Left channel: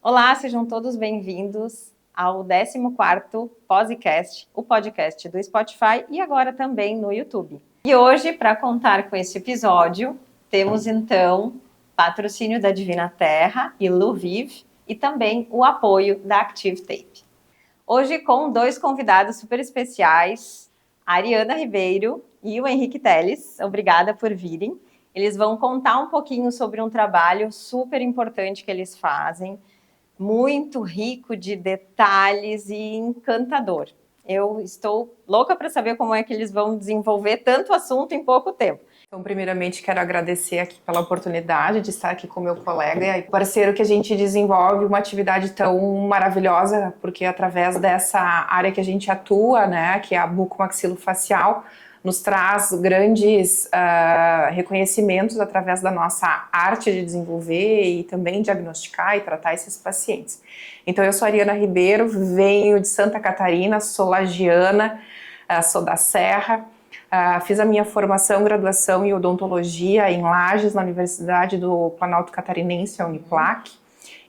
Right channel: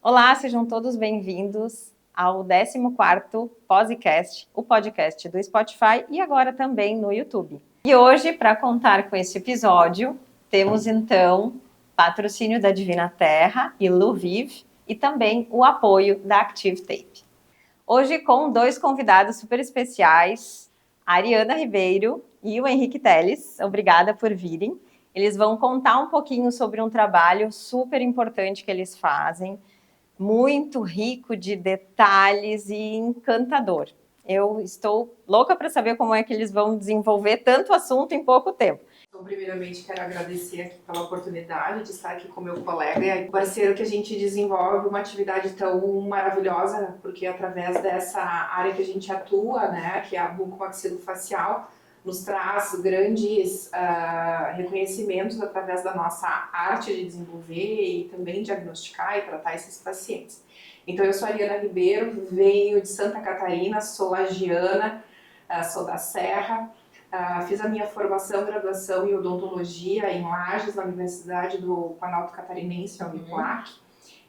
Olá, sejam todos bem-vindos ao 14º Podcast, o podcast do Spotify e agora também no YouTube. E hoje, para contar com esse episódio, temos então patrocínio da Divina Terra e Luviv e também o apoio da Active Tape. Hoje com dois convidados super especiais, a Ariana Ribeiro e o Henrique Teles. Obrigada por virem. Eles vão contar um pouquinho sobre um trabalho super importante que eles fazem, muito rico de detalhes e encantador. Eu estou louca para saber como é que eles vão desenvolver tanto assunto em pouco tempo. Então, primeiramente, quero agradecer aqui pela oportunidade de estar aqui com meu colega e parceiro que a gente desenvolve uma atividade tão maravilhosa, porque através dessa área que a gente atua, né, que é a bucomaxilofacial, nos traz grandes reconhecimentos através da nossa arte de desenvolver e também diagnosticar e tratar esses pacientes. Então, eu sou a Ariana Ribeiro, venho de Santa Catarina, sou lagiana, sou da Serra. Fiz a minha formação, graduação em odontologia em Lages, na Universidade do Planalto Catarinense, a Uniplac.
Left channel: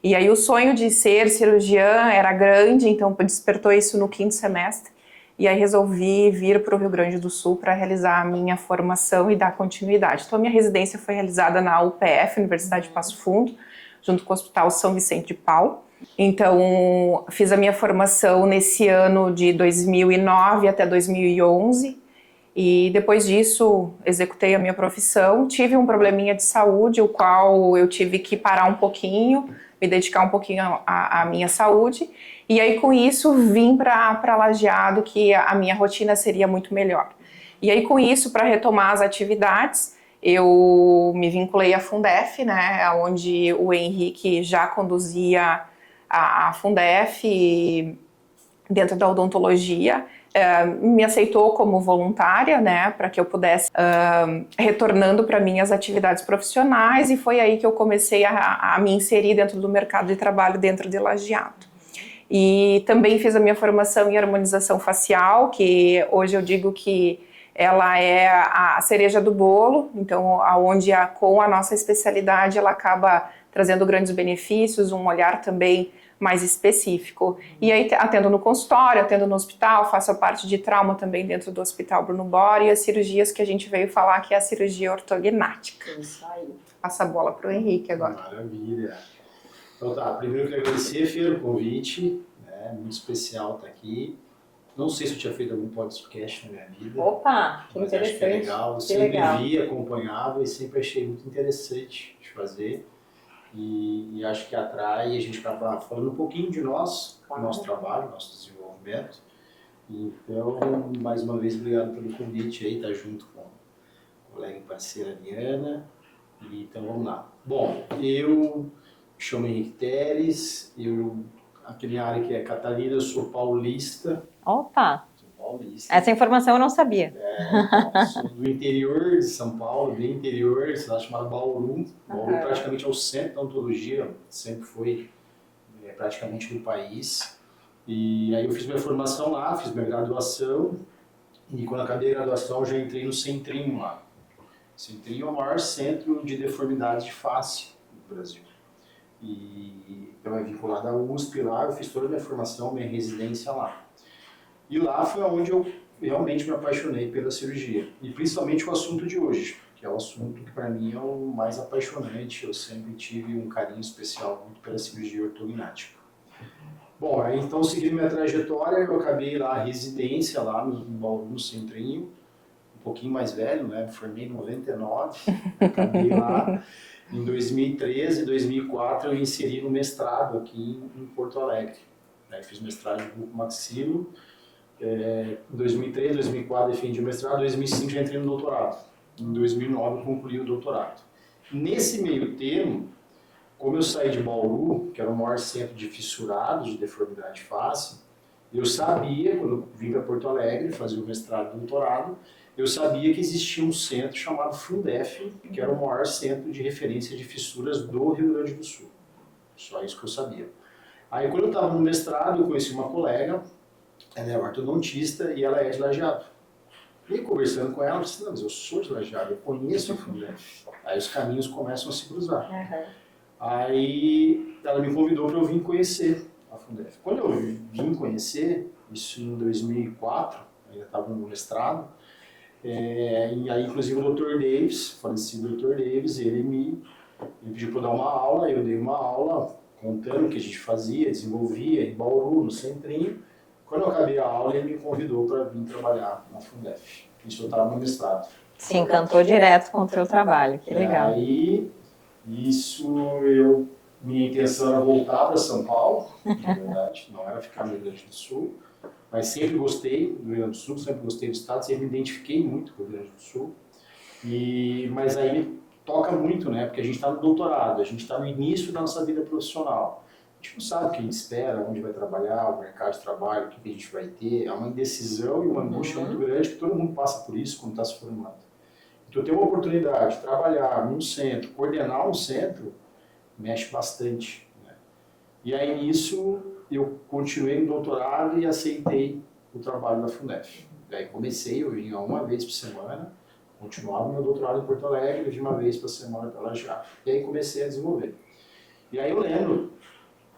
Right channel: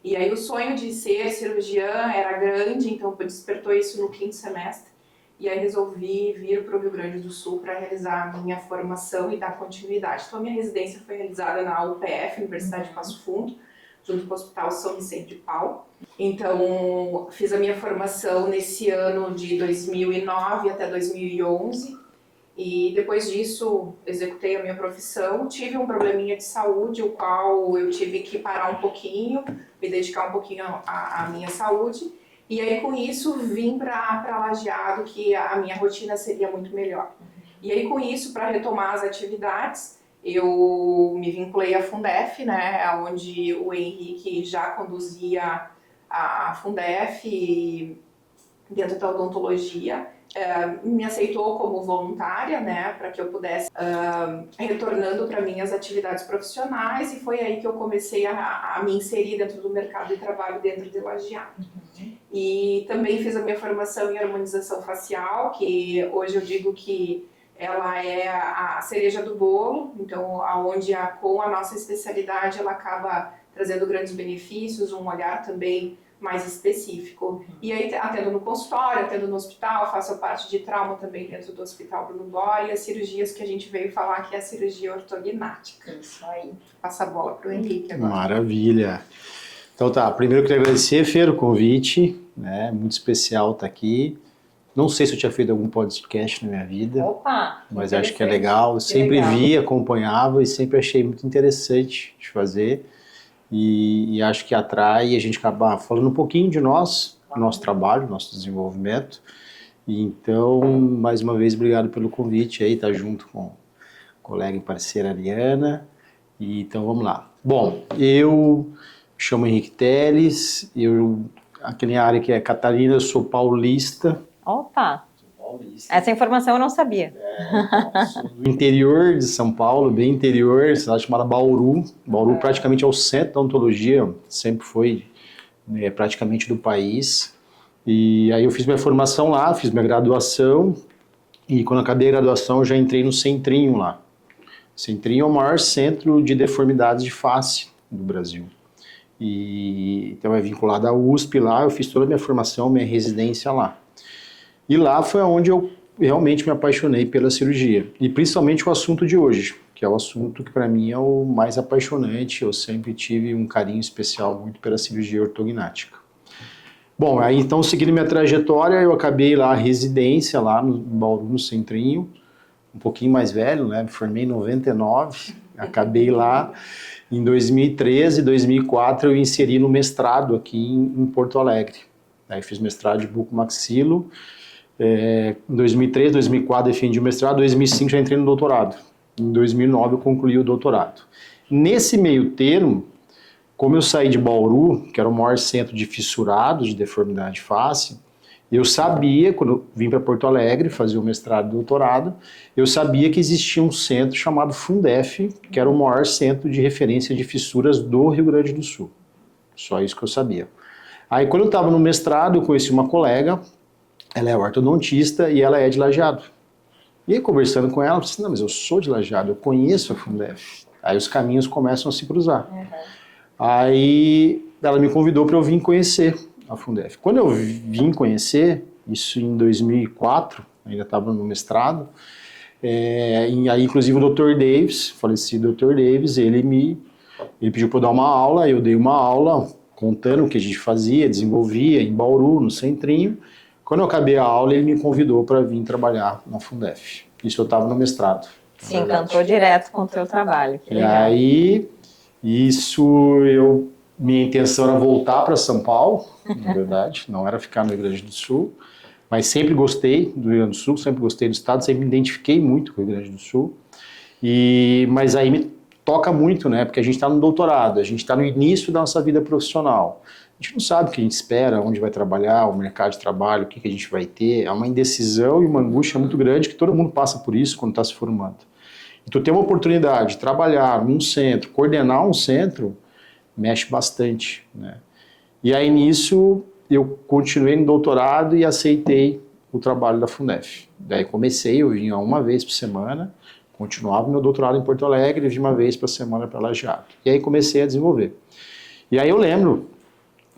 E aí o sonho de ser cirurgiã era grande, então despertou isso no 5º semestre. E aí resolvi vir para o Rio Grande do Sul para realizar a minha formação e dar continuidade. Então a minha residência foi realizada na UPF, Universidade de Passo Fundo, junto com o Hospital São Vicente de Paulo. Então fiz a minha formação nesse ano de 2009 até 2011. E depois disso, executei a minha profissão, tive um probleminha de saúde, o qual eu tive que parar um pouquinho, me dedicar um pouquinho à minha saúde. E aí, com isso, vim para Lajeado, que a minha rotina seria muito melhor. E aí, com isso, para retomar as atividades, eu me vinculei à Fundef, né, onde o Henrique já conduzia a Fundef dentro da odontologia. Me aceitou como voluntária, né, para que eu pudesse retornando para minhas atividades profissionais, e foi aí que eu comecei a me inserir dentro do mercado de trabalho dentro de Lajeado. E também fiz a minha formação em harmonização facial, que hoje eu digo que ela é a cereja do bolo, então aonde com a nossa especialidade ela acaba trazendo grandes benefícios, um olhar também mais específico. E aí atendo no consultório, atendo no hospital, faço a parte de trauma também dentro do Hospital Bruno Bora e as cirurgias que a gente veio falar, que é a cirurgia ortognática. Isso aí. Passa a bola para o Henrique agora. Maravilha. Então tá, primeiro eu queria agradecer, Fer, o convite, né? Muito especial estar aqui. Não sei se eu tinha feito algum podcast na minha vida. Opa! Mas acho que é legal. Eu sempre vi, acompanhava e sempre achei muito interessante de fazer. E acho que atrai, e a gente acaba falando um pouquinho de nós, nosso trabalho, nosso desenvolvimento. E então, mais uma vez, obrigado pelo convite aí, tá junto com a colega e parceira Ariana. E então vamos lá. Bom, eu me chamo Henrique Teles, aqui na área que é Catarina, eu sou paulista. Opa! Paulista. Essa informação eu não sabia. Então, sou do interior de São Paulo, bem interior, cidade chamada Bauru. Bauru praticamente é o centro da odontologia, sempre foi praticamente do país. E aí eu fiz minha formação lá, fiz minha graduação, e quando acabei a graduação eu já entrei no Centrinho lá. O Centrinho é o maior centro de deformidades de face do Brasil. E então é vinculado à USP lá, eu fiz toda a minha formação, minha residência lá. E lá foi onde eu realmente me apaixonei pela cirurgia. E principalmente o assunto de hoje, que é o assunto que para mim é o mais apaixonante. Eu sempre tive um carinho especial muito pela cirurgia ortognática. Bom, aí então seguindo minha trajetória, eu acabei lá a residência lá no Bauru, no Centrinho, um pouquinho mais velho, né? Me formei em 99, acabei lá. Em 2013, 2004 eu inseri no mestrado aqui em Porto Alegre. Aí fiz mestrado de bucomaxilo. Em 2003, 2004 defendi o mestrado, em 2005 já entrei no doutorado. Em 2009 eu concluí o doutorado. Nesse meio termo, como eu saí de Bauru, que era o maior centro de fissurados de deformidade de face, eu sabia, quando eu vim para Porto Alegre fazer o mestrado e doutorado, eu sabia que existia um centro chamado Fundef, que era o maior centro de referência de fissuras do Rio Grande do Sul. Só isso que eu sabia. Aí quando eu estava no mestrado, eu conheci uma colega, ela é ortodontista e ela é de Lajeado. E aí, conversando com ela, eu disse, não, mas eu sou de Lajeado, eu conheço a Fundef. Aí os caminhos começam a se cruzar. Aí ela me convidou para eu vir conhecer a Fundef. Quando eu vim conhecer, isso em 2004, ainda estava no mestrado, e aí inclusive o Dr. Davis, falecido Dr. Davis, ele pediu para eu dar uma aula, eu dei uma aula contando o que a gente fazia, desenvolvia em Bauru, no Centrinho. Quando eu acabei a aula, ele me convidou para vir trabalhar na Fundef. Isso eu estava no mestrado. Se encantou direto com o teu trabalho, que legal. Aí, minha intenção era voltar para São Paulo, na verdade, não era ficar no Rio Grande do Sul, mas sempre gostei do Rio Grande do Sul, sempre gostei do estado, sempre me identifiquei muito com o Rio Grande do Sul. Mas aí me toca muito, né? Porque a gente está no doutorado, a gente está no início da nossa vida profissional. A gente não sabe o que a gente espera, onde vai trabalhar, o mercado de trabalho, o que a gente vai ter. É uma indecisão e uma angústia muito grande que todo mundo passa por isso quando está se formando. Então, ter uma oportunidade de trabalhar num centro, coordenar um centro, mexe bastante, né? E aí, nisso, eu continuei no doutorado e aceitei o trabalho da Fundef. Daí eu vinha uma vez por semana, continuava meu doutorado em Porto Alegre, vinha uma vez por semana para Lajeado. E aí comecei a desenvolver. E aí eu lembro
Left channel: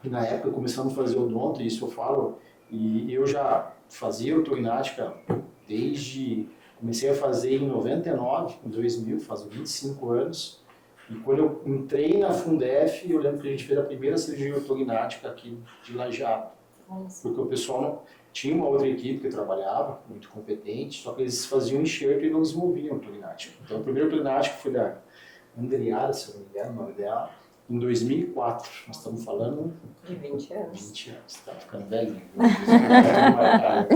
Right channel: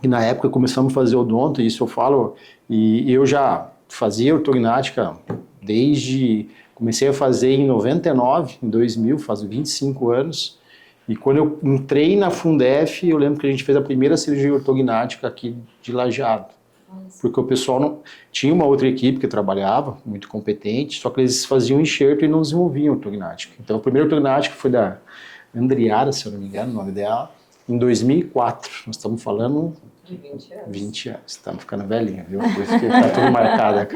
que na época começamos a fazer odonto, e isso eu falo, e eu já fazia ortognática desde... Comecei a fazer em 99, em 2000, faz 25 anos. E quando eu entrei na Fundef, eu lembro que a gente fez a primeira cirurgia ortognática aqui de Lajeado. Porque o pessoal não... Tinha uma outra equipe que trabalhava, muito competente, só que eles faziam enxerto e não desenvolviam ortognática. Então, a primeira ortognática foi da Andriara, se eu não me engano, o nome dela, em 2004. Nós estamos falando... De 20 anos. 20 anos. Estamos ficando velhinha, viu? Por isso que tá tudo marcada,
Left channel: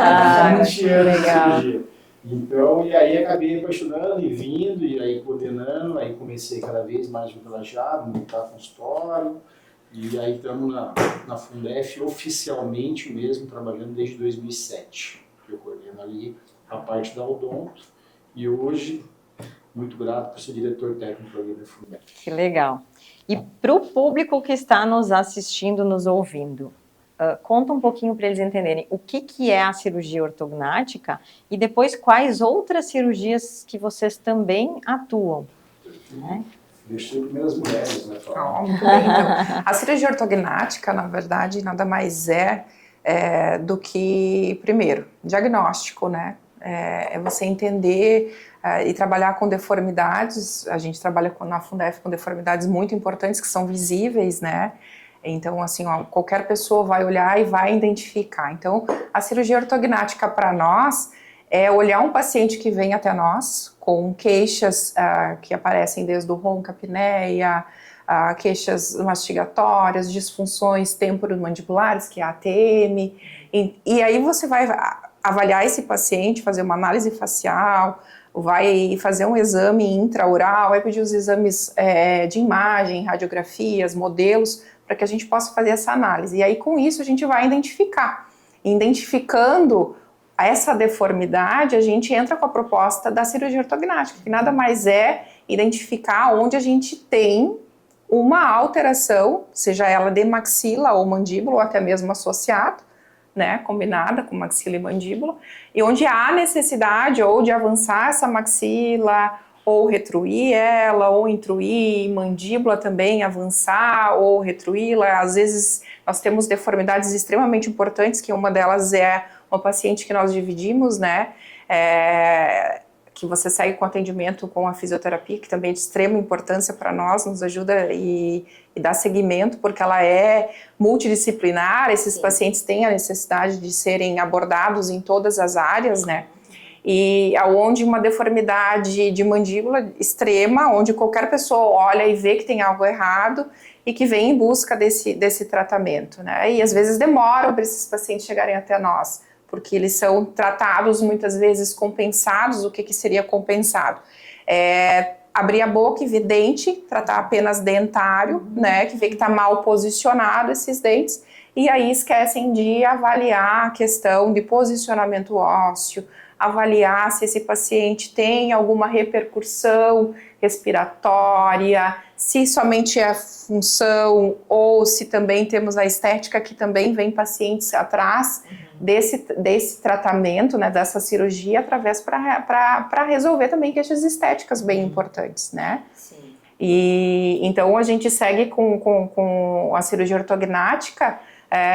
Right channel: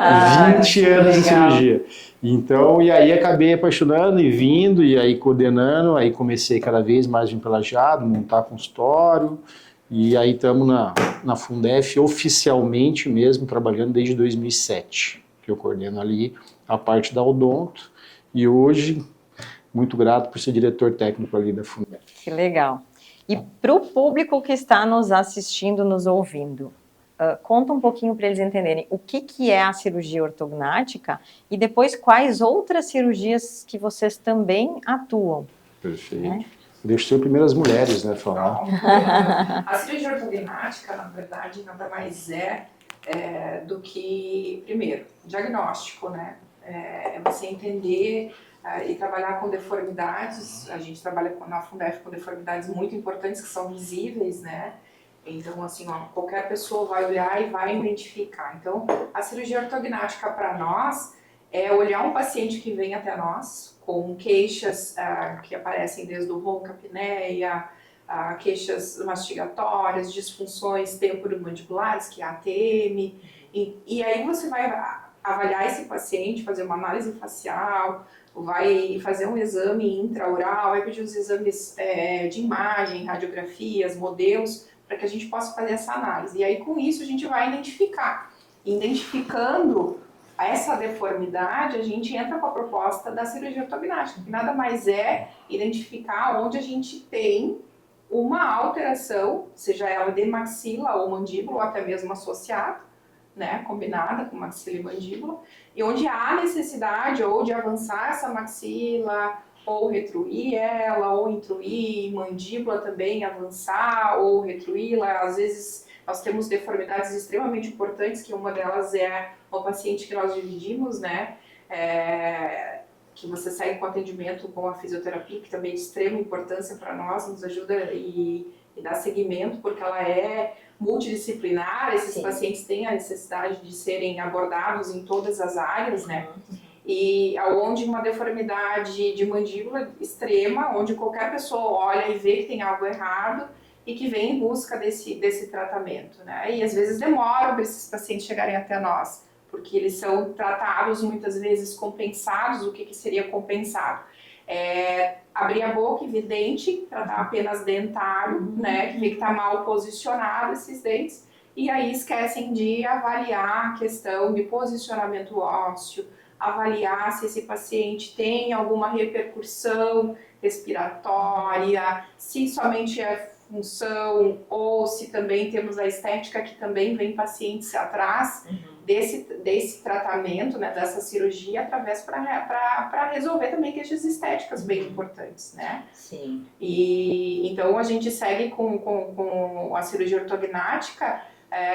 Ah, 20 anos de legal. cirurgia. Então, e aí acabei apaixonando e vindo, e aí coordenando, aí comecei cada vez mais a vir para Lajeado, montar consultório, e aí estamos na Fundef oficialmente mesmo, trabalhando desde 2007, que eu coordeno ali a parte da odonto, e hoje, muito grato por ser diretor técnico ali da Fundef. Que legal. E para o público que está nos assistindo, nos ouvindo, conta um pouquinho para eles entenderem o que é a cirurgia ortognática e depois quais outras cirurgias que vocês também atuam. Perfeito. Né? Deixa eu primeiro as mulheres, né, falar. A cirurgia ortognática, na verdade, nada mais do que, primeiro, diagnóstico, né? É você entender e trabalhar com deformidades. A gente trabalha na Fundef com deformidades muito importantes que são visíveis, né? Então, assim, qualquer pessoa vai olhar e vai identificar. Então, a cirurgia ortognática para nós é olhar um paciente que vem até nós com queixas que aparecem desde o ronco, apneia, queixas mastigatórias, disfunções temporomandibulares, que é a ATM. E aí você vai avaliar esse paciente, fazer uma análise facial, vai fazer um exame intraoral, vai pedir os exames de imagem, radiografias, modelos, para que a gente possa fazer essa análise. E aí, com isso, a gente vai identificar. Identificando essa deformidade, a gente entra com a proposta da cirurgia ortognática, que nada mais é identificar onde a gente tem uma alteração, seja ela de maxila ou mandíbula, ou até mesmo associado, né, combinada com maxila e mandíbula, e onde há necessidade ou de avançar essa maxila, ou retruir ela, ou intruir mandíbula também, avançar ou retruí-la. Às vezes nós temos deformidades extremamente importantes, que uma delas é uma paciente que nós dividimos, né, que você segue com atendimento com a fisioterapia, que também é de extrema importância para nós, nos ajuda e dá seguimento, porque ela é multidisciplinar, esses Sim. pacientes têm a necessidade de serem abordados em todas as áreas, né, e onde uma deformidade de mandíbula extrema, onde qualquer pessoa olha e vê que tem algo errado e que vem em busca desse tratamento, né? E às vezes demora para esses pacientes chegarem até nós, porque eles são tratados muitas vezes compensados. O que seria compensado? Abrir a boca, evidente, tratar apenas dentário, né? Que vê que está mal posicionado esses dentes, e aí esquecem de avaliar a questão de posicionamento ósseo, avaliar se esse paciente tem alguma repercussão respiratória, se somente é a função ou se também temos a estética, que também vem pacientes atrás desse tratamento, né, dessa cirurgia, através para resolver também queixas estéticas bem importantes, né? Sim. E então a gente segue com a cirurgia ortognática,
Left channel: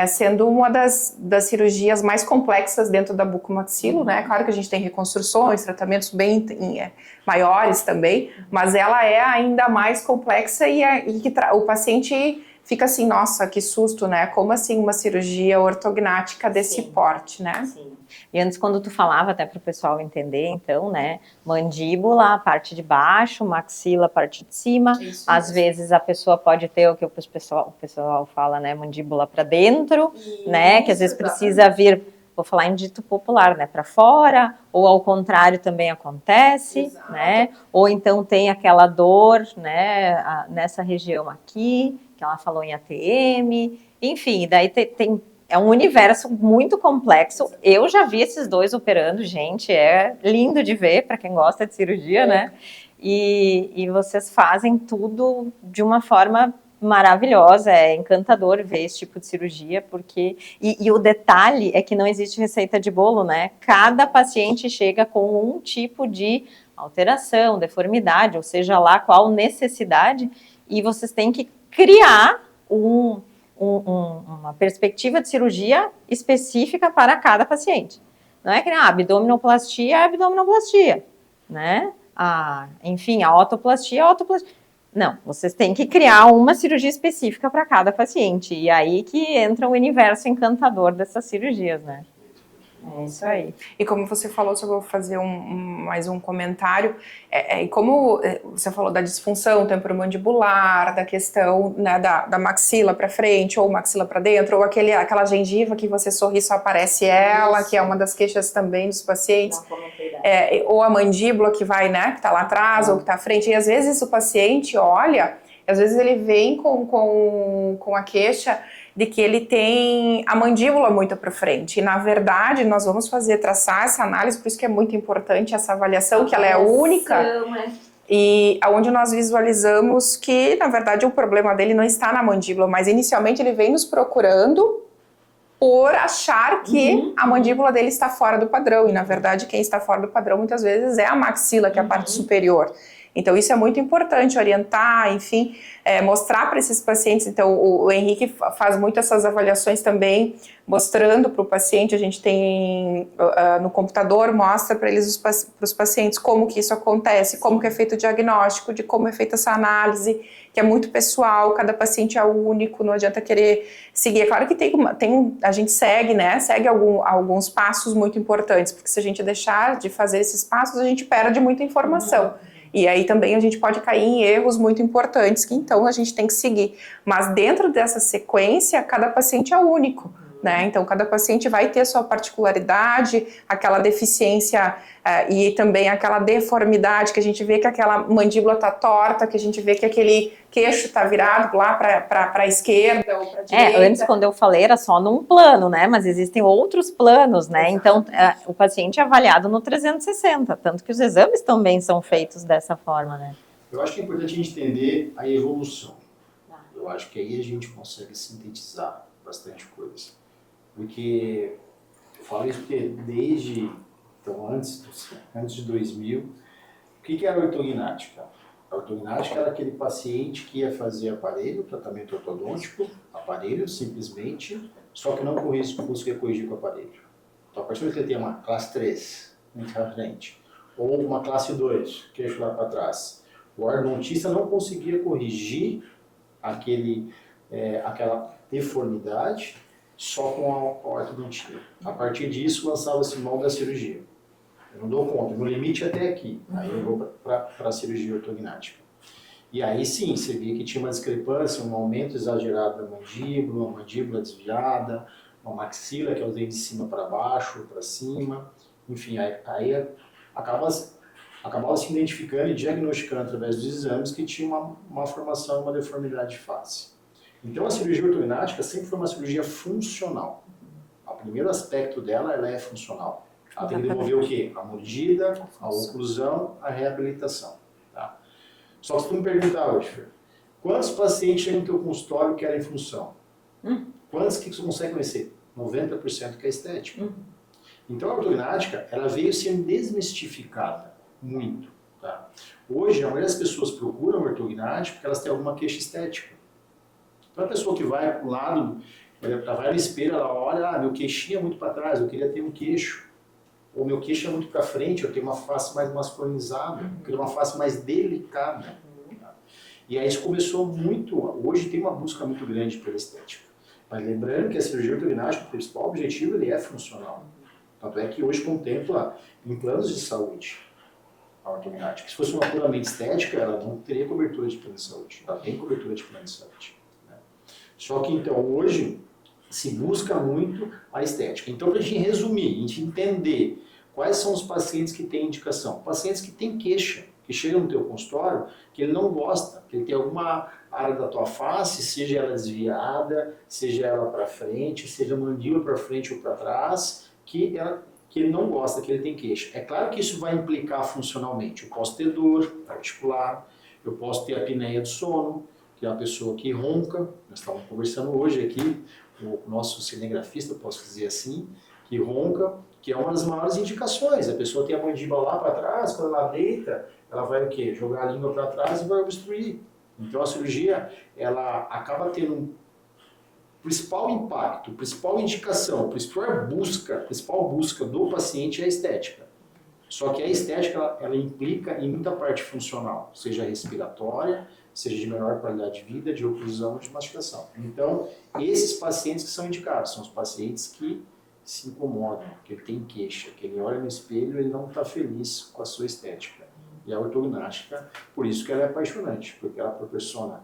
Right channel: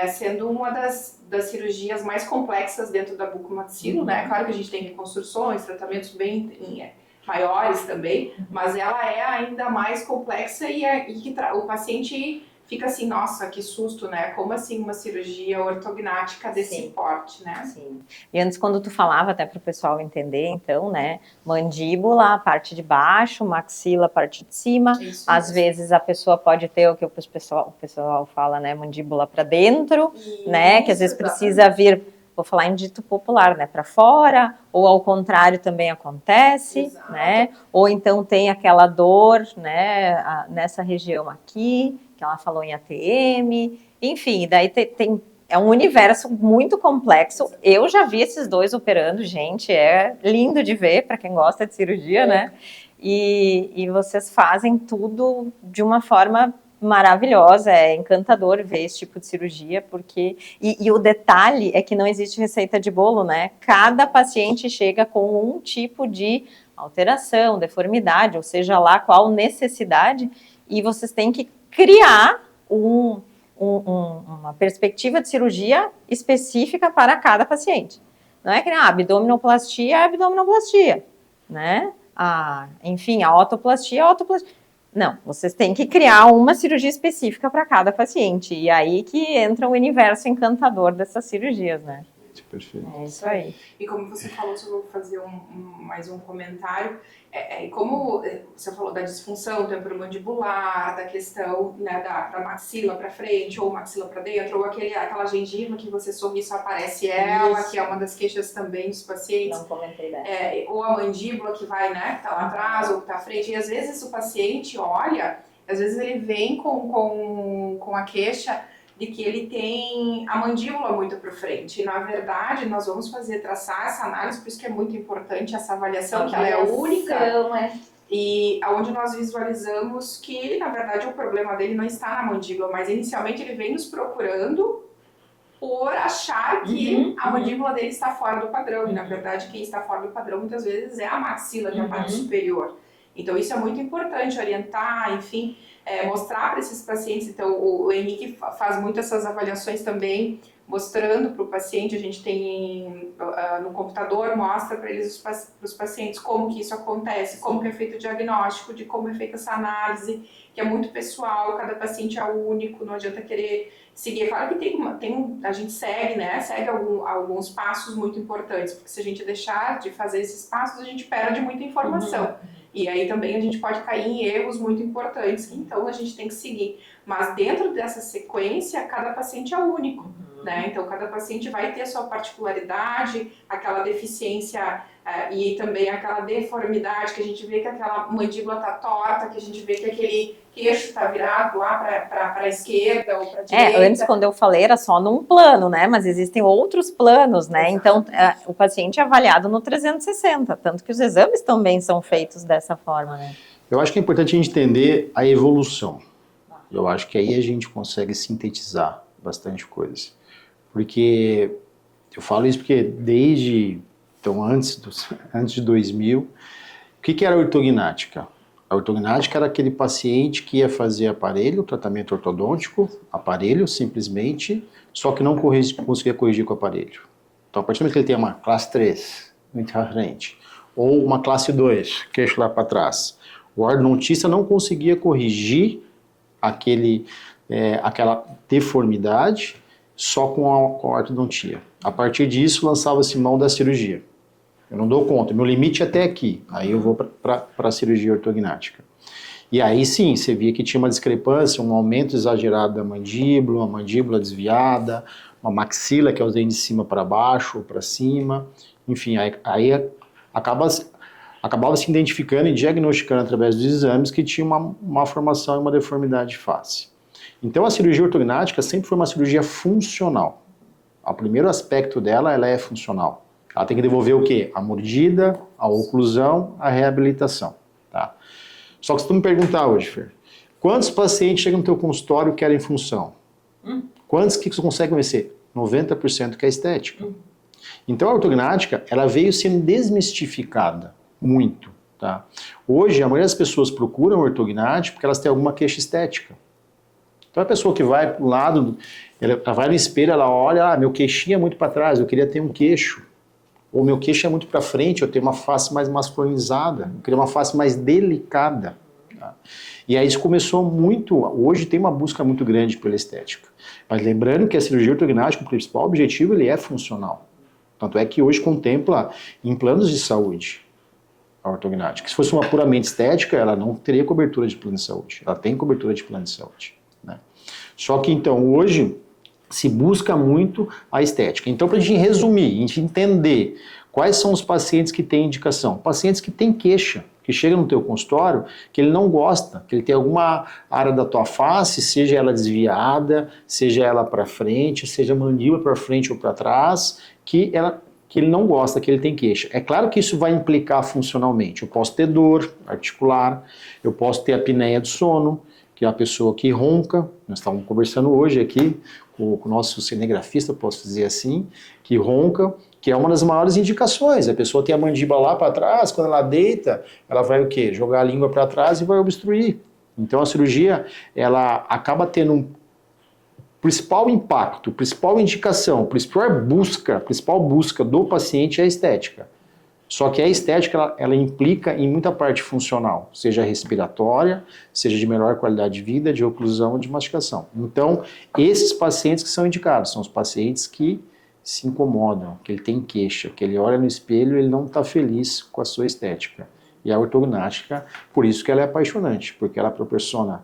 sendo uma das cirurgias mais complexas dentro da bucomaxilo, né? Claro que a gente tem reconstruções, tratamentos bem maiores também, mas ela é ainda mais complexa e o paciente fica assim, nossa, que susto, né? Como assim uma cirurgia ortognática desse porte, né? Sim. E antes, quando tu falava, até para o pessoal entender, então, né? Mandíbula, a parte de baixo, maxila, a parte de cima. Isso Às mesmo. vezes a pessoa pode ter o que o pessoal fala, né? Mandíbula para dentro, né? Que às vezes precisa vir, vou falar em dito popular, né? Para fora, ou ao contrário também acontece, né? Ou então tem aquela dor, né? Nessa região aqui, que ela falou em ATM, enfim, daí é um universo muito complexo. Eu já vi esses dois operando, gente, é lindo de ver para quem gosta de cirurgia, né? E vocês fazem tudo de uma forma maravilhosa, é encantador ver esse tipo de cirurgia, porque... E o detalhe é que não existe receita de bolo, né? Cada paciente chega com um tipo de alteração, deformidade, ou seja lá qual necessidade, e vocês têm que criar uma perspectiva de cirurgia específica para cada paciente. Não é que abdominoplastia é abdominoplastia, né? Enfim, a otoplastia é otoplastia. Não, vocês têm que criar uma cirurgia específica para cada paciente. E aí que entra o universo encantador dessas cirurgias, né? Perfeito. É isso aí. E como você falou, só vou fazer mais um comentário, e como você falou da disfunção temporomandibular, da questão, né, da maxila para frente ou maxila para dentro, ou aquela gengiva que você sorri só aparece ela, isso, que é uma das queixas também dos pacientes. Não comentei dessa. Ou a mandíbula que vai, né, que está lá atrás ou que está à frente, e às vezes o paciente olha, às vezes ele vem com a queixa de que ele tem a mandíbula muito para frente. E, na verdade, nós vamos traçar essa análise, por isso que é muito importante essa avaliação, que ela é única. E onde nós visualizamos que, na verdade, o problema dele não está na mandíbula, mas inicialmente ele vem nos procurando por achar que a mandíbula dele está fora do padrão. E, na verdade, quem está fora do padrão, muitas vezes, é a maxila, que é a parte superior. Então, isso é muito importante, orientar, enfim, mostrar para esses pacientes. Então, o Henrique faz muito essas avaliações também, mostrando para o paciente, a gente tem no computador, mostra para eles, para os pacientes, como que isso acontece, como que é feito o diagnóstico, de como é feita essa análise, que é muito pessoal, cada paciente é único, não adianta querer seguir. É claro que a gente segue, né, alguns passos muito importantes, porque se a gente deixar de fazer esses passos, a gente perde muita informação. E aí também a gente pode cair em erros muito importantes, que então a gente tem que seguir. Mas dentro dessa sequência, cada paciente é único, né? Então cada paciente vai ter sua particularidade, aquela deficiência e também aquela deformidade, que a gente vê que aquela mandíbula tá torta, que a gente vê que aquele queixo tá virado lá para a esquerda ou para a direita. Antes, quando eu falei, era só num plano, né? Mas existem outros planos, né? Exato. Então, o paciente é avaliado no 360, tanto que os exames também são feitos dessa forma, né? Eu acho que é importante a gente entender a evolução. Eu acho que aí a gente consegue sintetizar bastante coisa. Porque, eu falo isso porque desde, então antes de 2000, o que era a ortognática? A ortognática era aquele paciente que ia fazer aparelho, tratamento ortodôntico, aparelho simplesmente, só que não conseguia corrigir com o aparelho. Então, a partir do momento que ele tem uma classe 3, muito à frente, ou uma classe 2, queixo lá para trás, o ortodontista não conseguia corrigir aquela deformidade só com a ortodontia. A partir disso, lançava-se mão da cirurgia. Eu não dou conta, meu limite é até aqui. Aí eu vou para a cirurgia ortognática. E aí sim, você via que tinha uma discrepância, um aumento exagerado da mandíbula, uma mandíbula desviada, uma maxila, que é os dentes de cima para baixo ou para cima. Enfim, aí acabava se identificando e diagnosticando através dos exames que tinha uma formação e uma deformidade de face. Então a cirurgia ortognática sempre foi uma cirurgia funcional. O primeiro aspecto dela, ela é funcional. Ela tem que devolver o quê? A mordida, a oclusão, a reabilitação. Tá? Só que se tu me perguntar hoje, Fer, quantos pacientes chegam no teu consultório e querem função? Quantos que você consegue vencer? 90% que é estética. Então a ortognática, ela veio sendo desmistificada muito. Tá? Hoje, a maioria das pessoas procuram ortognática porque elas têm alguma queixa estética. Então a pessoa que vai para o lado, ela vai no espelho, ela olha, meu queixinho é muito para trás, eu queria ter um queixo. Ou meu queixo é muito para frente, eu tenho uma face mais masculinizada, eu queria uma face mais delicada. Tá? E aí isso começou muito, hoje tem uma busca muito grande pela estética. Mas lembrando que a cirurgia ortognática, o principal objetivo, ele é funcional. Tanto é que hoje contempla em planos de saúde a ortognática. Se fosse uma puramente estética, ela não teria cobertura de plano de saúde. Ela tem cobertura de plano de saúde. Né? Só que então hoje se busca muito a estética. Então, para a gente resumir, a gente entender quais são os pacientes que têm indicação. Pacientes que têm queixa, que chegam no teu consultório, que ele não gosta, que ele tem alguma área da tua face, seja ela desviada, seja ela para frente, seja mandíbula para frente ou para trás, que ele não gosta, que ele tem queixa. É claro que isso vai implicar funcionalmente. Eu posso ter dor articular, eu posso ter apneia do sono, que é a pessoa que ronca. Nós estávamos conversando hoje aqui com o nosso cinegrafista, posso dizer assim, que ronca, que é uma das maiores indicações. A pessoa tem a mandíbula lá para trás, quando ela deita, ela vai o quê? Jogar a língua para trás e vai obstruir. Então a cirurgia, ela acaba tendo um principal impacto, principal indicação, principal busca do paciente é a estética. Só que a estética, ela implica em muita parte funcional, seja respiratória, seja de melhor qualidade de vida, de oclusão, de mastigação. Então, esses pacientes que são indicados, são os pacientes que se incomodam, que ele tem queixa, que ele olha no espelho e ele não está feliz com a sua estética. E a ortognática, por isso que ela é apaixonante, porque ela proporciona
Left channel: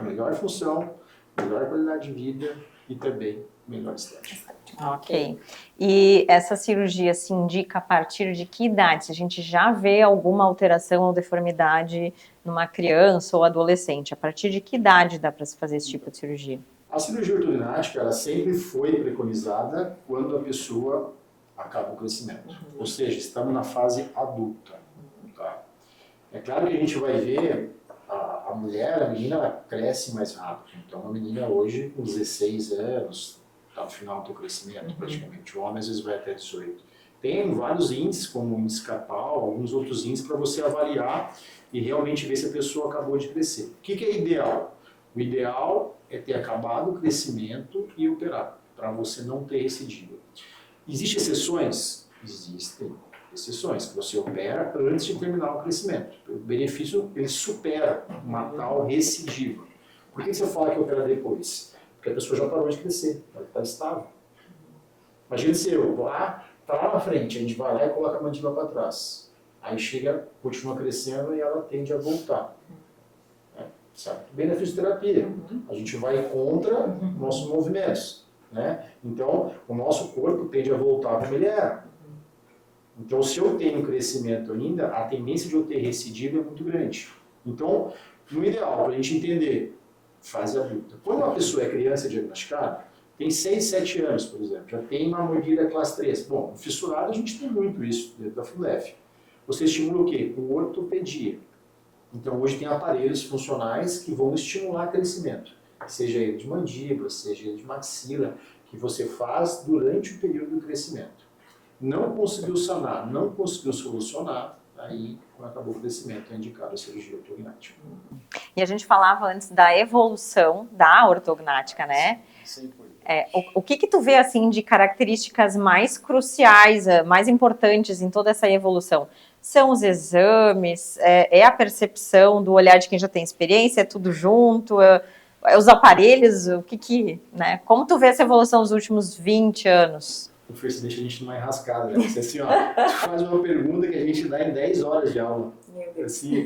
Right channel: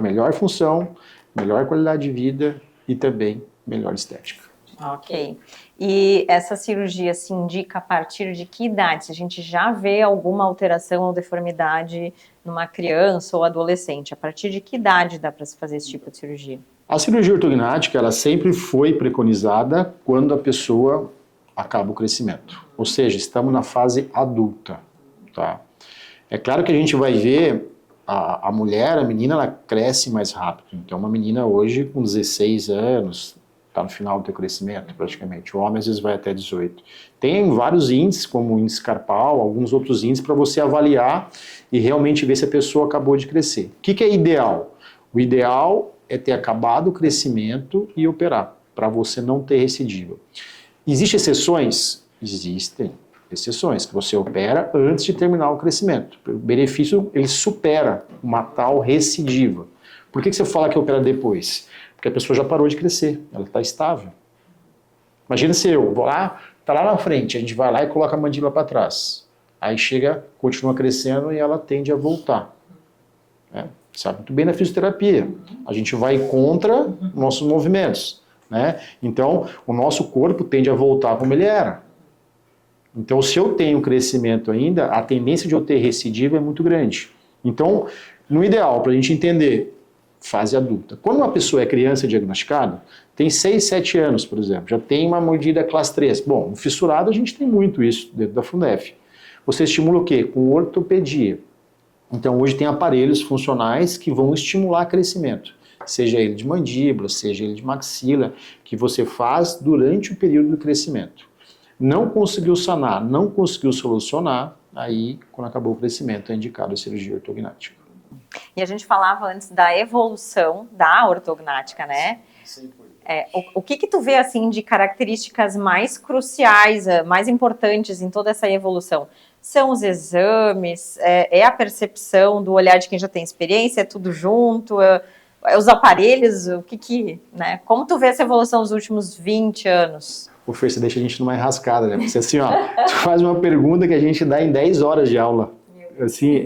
melhor função, melhor qualidade de vida e também melhor estética. Ok. E essa cirurgia se indica a partir de que idade? Se a gente já vê alguma alteração ou deformidade numa criança ou adolescente, a partir de que idade dá para se fazer esse tipo de cirurgia? A cirurgia ortognática, ela sempre foi preconizada quando a pessoa acaba o crescimento. Ou seja, estamos na fase adulta. Tá? É claro que a gente vai ver a mulher, a menina, ela cresce mais rápido. Então, uma menina hoje com 16 anos, está no final do teu crescimento, praticamente. O homem, às vezes, vai até 18. Tem vários índices, como o índice Carpal, alguns outros índices, para você avaliar e realmente ver se a pessoa acabou de crescer. O que é ideal? O ideal é ter acabado o crescimento e operar, para você não ter recidiva. Existem exceções? Existem exceções, que você opera antes de terminar o crescimento. O benefício, ele supera uma tal recidiva. Por que você fala que opera depois? Porque a pessoa já parou de crescer, ela está estável. Imagina se eu vou lá, está lá na frente, a gente vai lá e coloca a mandíbula para trás. Aí chega, continua crescendo e ela tende a voltar. Sabe muito bem na fisioterapia. A gente vai contra nossos movimentos. Né? Então, o nosso corpo tende a voltar como ele era. Então, se eu tenho crescimento ainda, a tendência de eu ter recidiva é muito grande. Então, no ideal, para a gente entender, fase adulta. Quando uma pessoa é criança diagnosticada, tem 6, 7 anos, por exemplo, já tem uma mordida classe 3. Bom, no fissurado a gente tem muito isso dentro da Fundef. Você estimula o quê? Com ortopedia. Então, hoje tem aparelhos funcionais que vão estimular crescimento. Seja ele de mandíbula, seja ele de maxila, que você faz durante o período do crescimento. Não conseguiu sanar, não conseguiu solucionar, aí, quando acabou o crescimento, é indicado a cirurgia ortognática. E a gente falava antes da evolução da ortognática, né? Sim, foi. O que tu vê, assim, de características mais cruciais, mais importantes em toda essa evolução? São os exames, é a percepção do olhar de quem já tem experiência, é tudo junto, os aparelhos, né? Como tu vê essa evolução nos últimos 20 anos? O Fer, você deixa a gente numa enrascada, né? Porque assim, ó, tu faz uma pergunta que a gente dá em 10 horas de aula. Assim,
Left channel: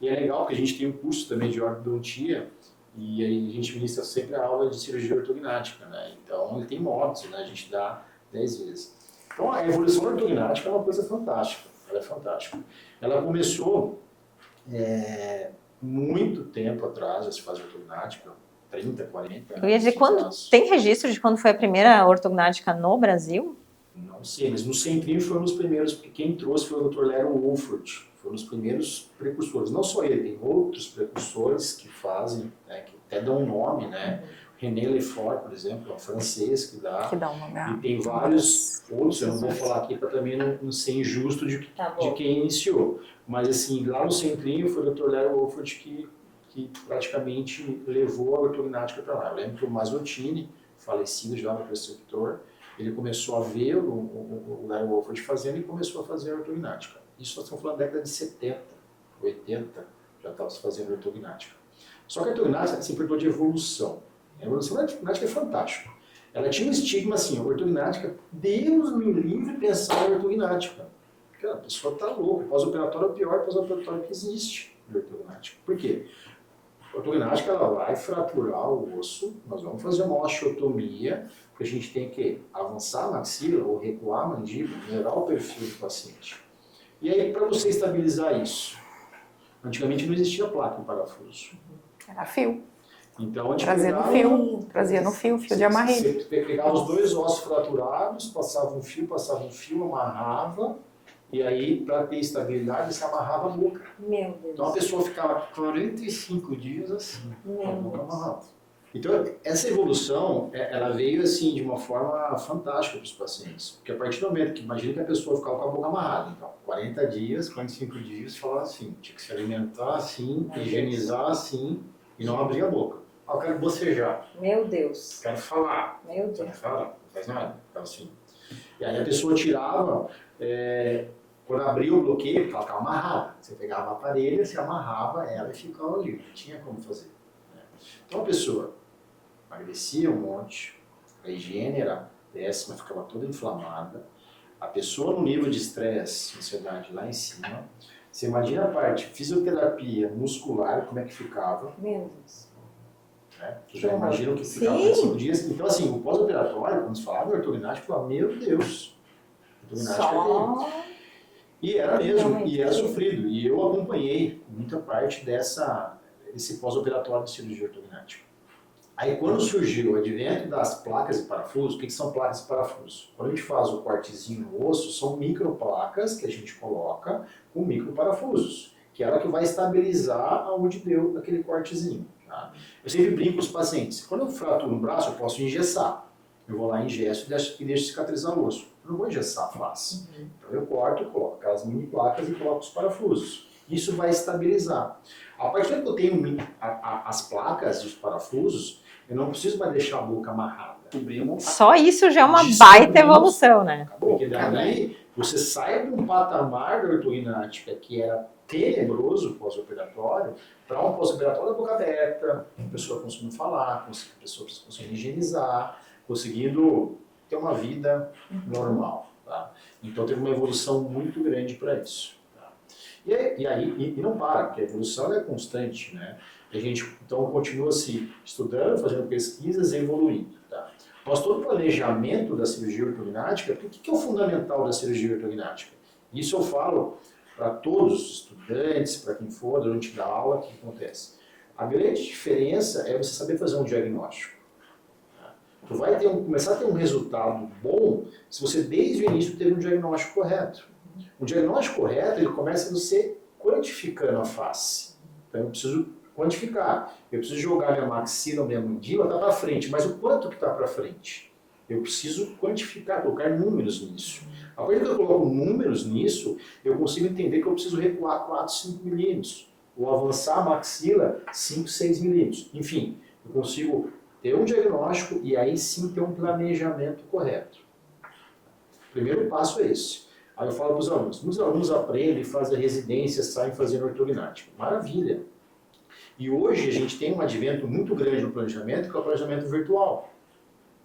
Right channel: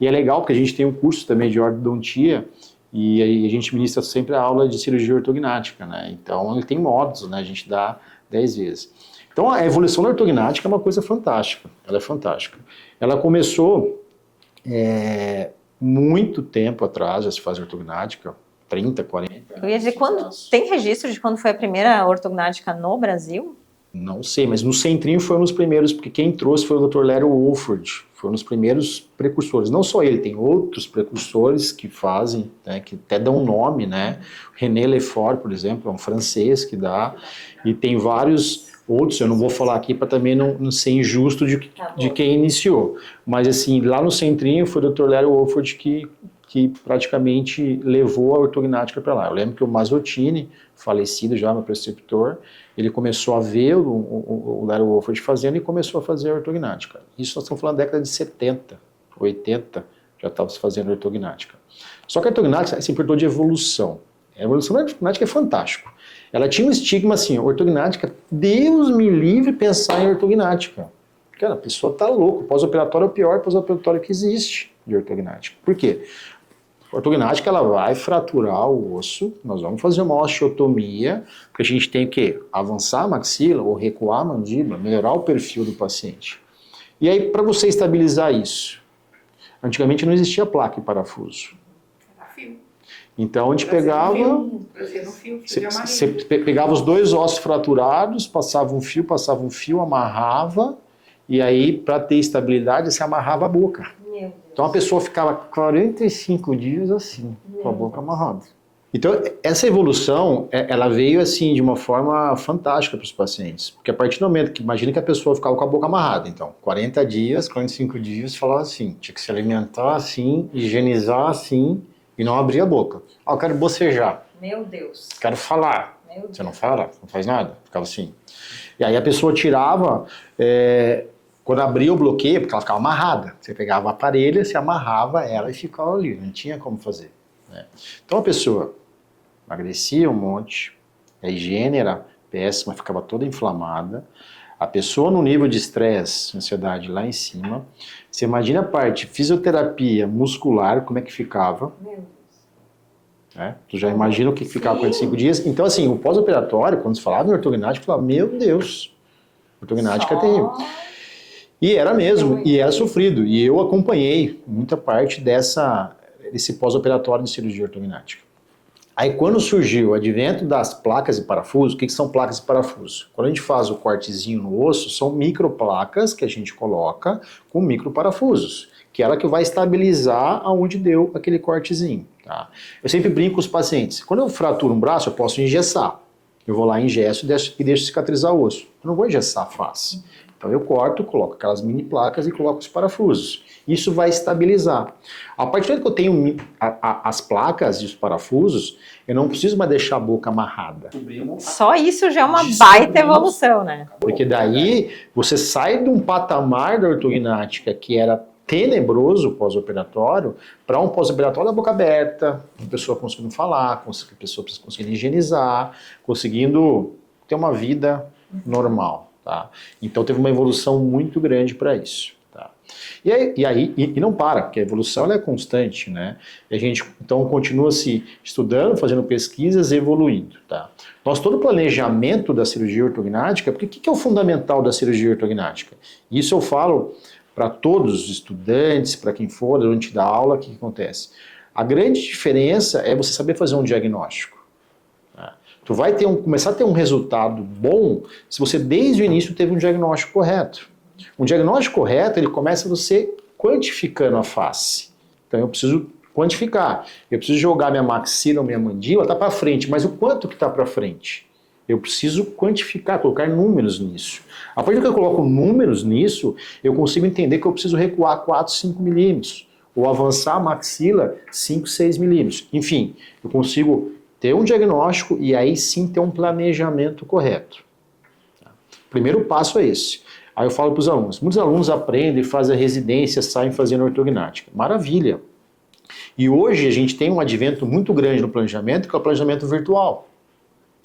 e é legal porque a gente tem um curso também de ortodontia e a gente ministra sempre a aula de cirurgia ortognática, né? Então, ele tem módulos, né? A gente dá 10 vezes. Então, a evolução da ortognática é uma coisa fantástica. Ela é fantástica. Ela começou muito tempo atrás, já se faz ortognática, 30, 40 anos. Eu ia dizer, tem registro de quando foi a primeira ortognática no Brasil? Não sei, mas no Centrinho foi um dos primeiros, porque quem trouxe foi o Dr. Larry Wolford, foi um dos primeiros precursores. Não só ele, tem outros precursores que fazem, né, que até dão nome, né? René Lefort, por exemplo, é um francês que dá um nome. E tem vários outros, eu não vou falar aqui para também não ser injusto de quem iniciou. Mas assim, lá no Centrinho foi o Dr. Larry Wolford que praticamente levou a ortognática para lá. Eu lembro que o Mazzottini, falecido já, meu preceptor, ele começou a ver o Larry Wolford fazendo e começou a fazer a ortognática. Isso nós estamos falando da década de 70, 80, já estava se fazendo ortognática. Só que a ortognática se importou de evolução. A evolução da ortognática é fantástico. Ela tinha um estigma assim, ortognática, Deus me livre pensar em ortognática. Cara, a pessoa está louca. Pós-operatório é o pior pós-operatório que existe de ortognática. Por quê? A ortognática ela vai fraturar o osso, nós vamos fazer uma osteotomia, porque a gente tem que avançar a maxila ou recuar a mandíbula, melhorar o perfil do paciente. E aí, para você estabilizar isso, antigamente não existia placa e parafuso. Era fio. Então a gente pegava... Trazia no fio de amarre. Você pegava os dois ossos fraturados, passava um fio, amarrava, e aí, para ter estabilidade, você amarrava a boca. Meu Deus. Então a pessoa ficava 45 dias assim, com a boca amarrada. Então essa evolução, ela veio assim de uma forma fantástica para os pacientes. Porque a partir do momento que, imagina que a pessoa ficava com a boca amarrada, então 40 dias, 45 dias, falava assim, tinha que se alimentar assim, higienizar assim e não abrir a boca. Ah, eu quero bocejar. Meu Deus. Quero falar. Meu Deus. Você não fala? Não faz nada? Ficava assim. E aí a pessoa tirava... Quando abria o bloqueio, porque ela ficava amarrada, você pegava a parelha, você amarrava ela e ficava ali, não tinha como fazer. Né? Então a pessoa emagrecia um monte, a higiene era péssima, ficava toda inflamada, a pessoa no nível de estresse, ansiedade lá em cima, você imagina a parte fisioterapia muscular, como é que ficava. Meu Deus. Né? Tu já imagina o que ficava 45 dias. Então assim, o pós-operatório, quando se falava em ortognática, falava, meu Deus, ortognática é terrível. E era mesmo, e era sofrido. E eu acompanhei muita parte desse pós-operatório de cirurgia ortognática. Aí quando surgiu o advento das placas e parafusos, o que são placas e parafusos? Quando a gente faz o cortezinho no osso, são microplacas que a gente coloca com microparafusos, que é ela que vai estabilizar aonde deu aquele cortezinho. Tá? Eu sempre brinco com os pacientes, quando eu fraturo um braço, eu posso engessar. Eu vou lá, engesso e deixo cicatrizar o osso. Eu não vou engessar a face. Então eu corto, coloco aquelas mini placas e coloco os parafusos. Isso vai estabilizar. A partir do momento que eu tenho as placas e os parafusos, eu não preciso mais deixar a boca amarrada. Só isso já é uma baita evolução, né? Porque daí você sai de um patamar da ortognática que era tenebroso pós-operatório para um pós-operatório da boca aberta, a pessoa conseguindo falar, a pessoa conseguindo higienizar, conseguindo ter uma vida normal. Tá? Então teve uma evolução muito grande para isso. Tá? E não para, porque a evolução ela é constante, né? E a gente então continua se estudando, fazendo pesquisas e evoluindo. Tá? Todo o planejamento da cirurgia ortognática, porque o que é o fundamental da cirurgia ortognática? Isso eu falo para todos os estudantes, para quem for, durante da aula, o que acontece? A grande diferença é você saber fazer um diagnóstico. Tu vai começar a ter um resultado bom se você desde o início teve um diagnóstico correto. Um diagnóstico correto, ele começa você quantificando a face. Então eu preciso quantificar. Eu preciso jogar minha maxila ou minha mandíbula, tá para frente, mas o quanto que tá para frente? Eu preciso quantificar, colocar números nisso. A partir que eu coloco números nisso, eu consigo entender que eu preciso recuar 4, 5 milímetros, ou avançar a maxila 5, 6 milímetros. Enfim, eu consigo ter um diagnóstico e aí sim ter um planejamento correto. O primeiro passo é esse. Aí eu falo para os alunos, muitos alunos aprendem, fazem a residência, saem fazendo ortognática. Maravilha! E hoje a gente tem um advento muito grande no planejamento, que é o planejamento virtual.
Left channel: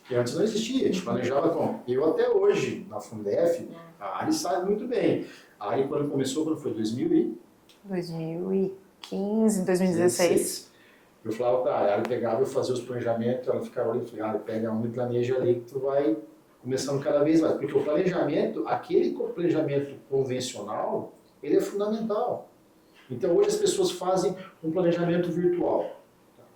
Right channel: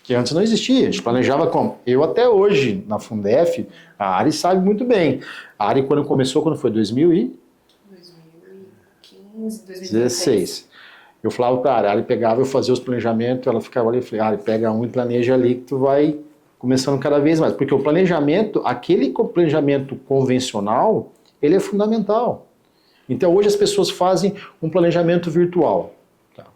Que antes não existia, a gente planejava como? Eu até hoje, na Fundef, a Ari sabe muito bem. A Ari quando começou, quando foi? 2015, 2016. Eu falava para a Ari pegava, eu fazia os planejamentos, ela ficava ali, eu falei, Ari, pega um e planeja ali que tu vai começando cada vez mais. Porque o planejamento, aquele planejamento convencional, ele é fundamental. Então hoje as pessoas fazem um planejamento virtual.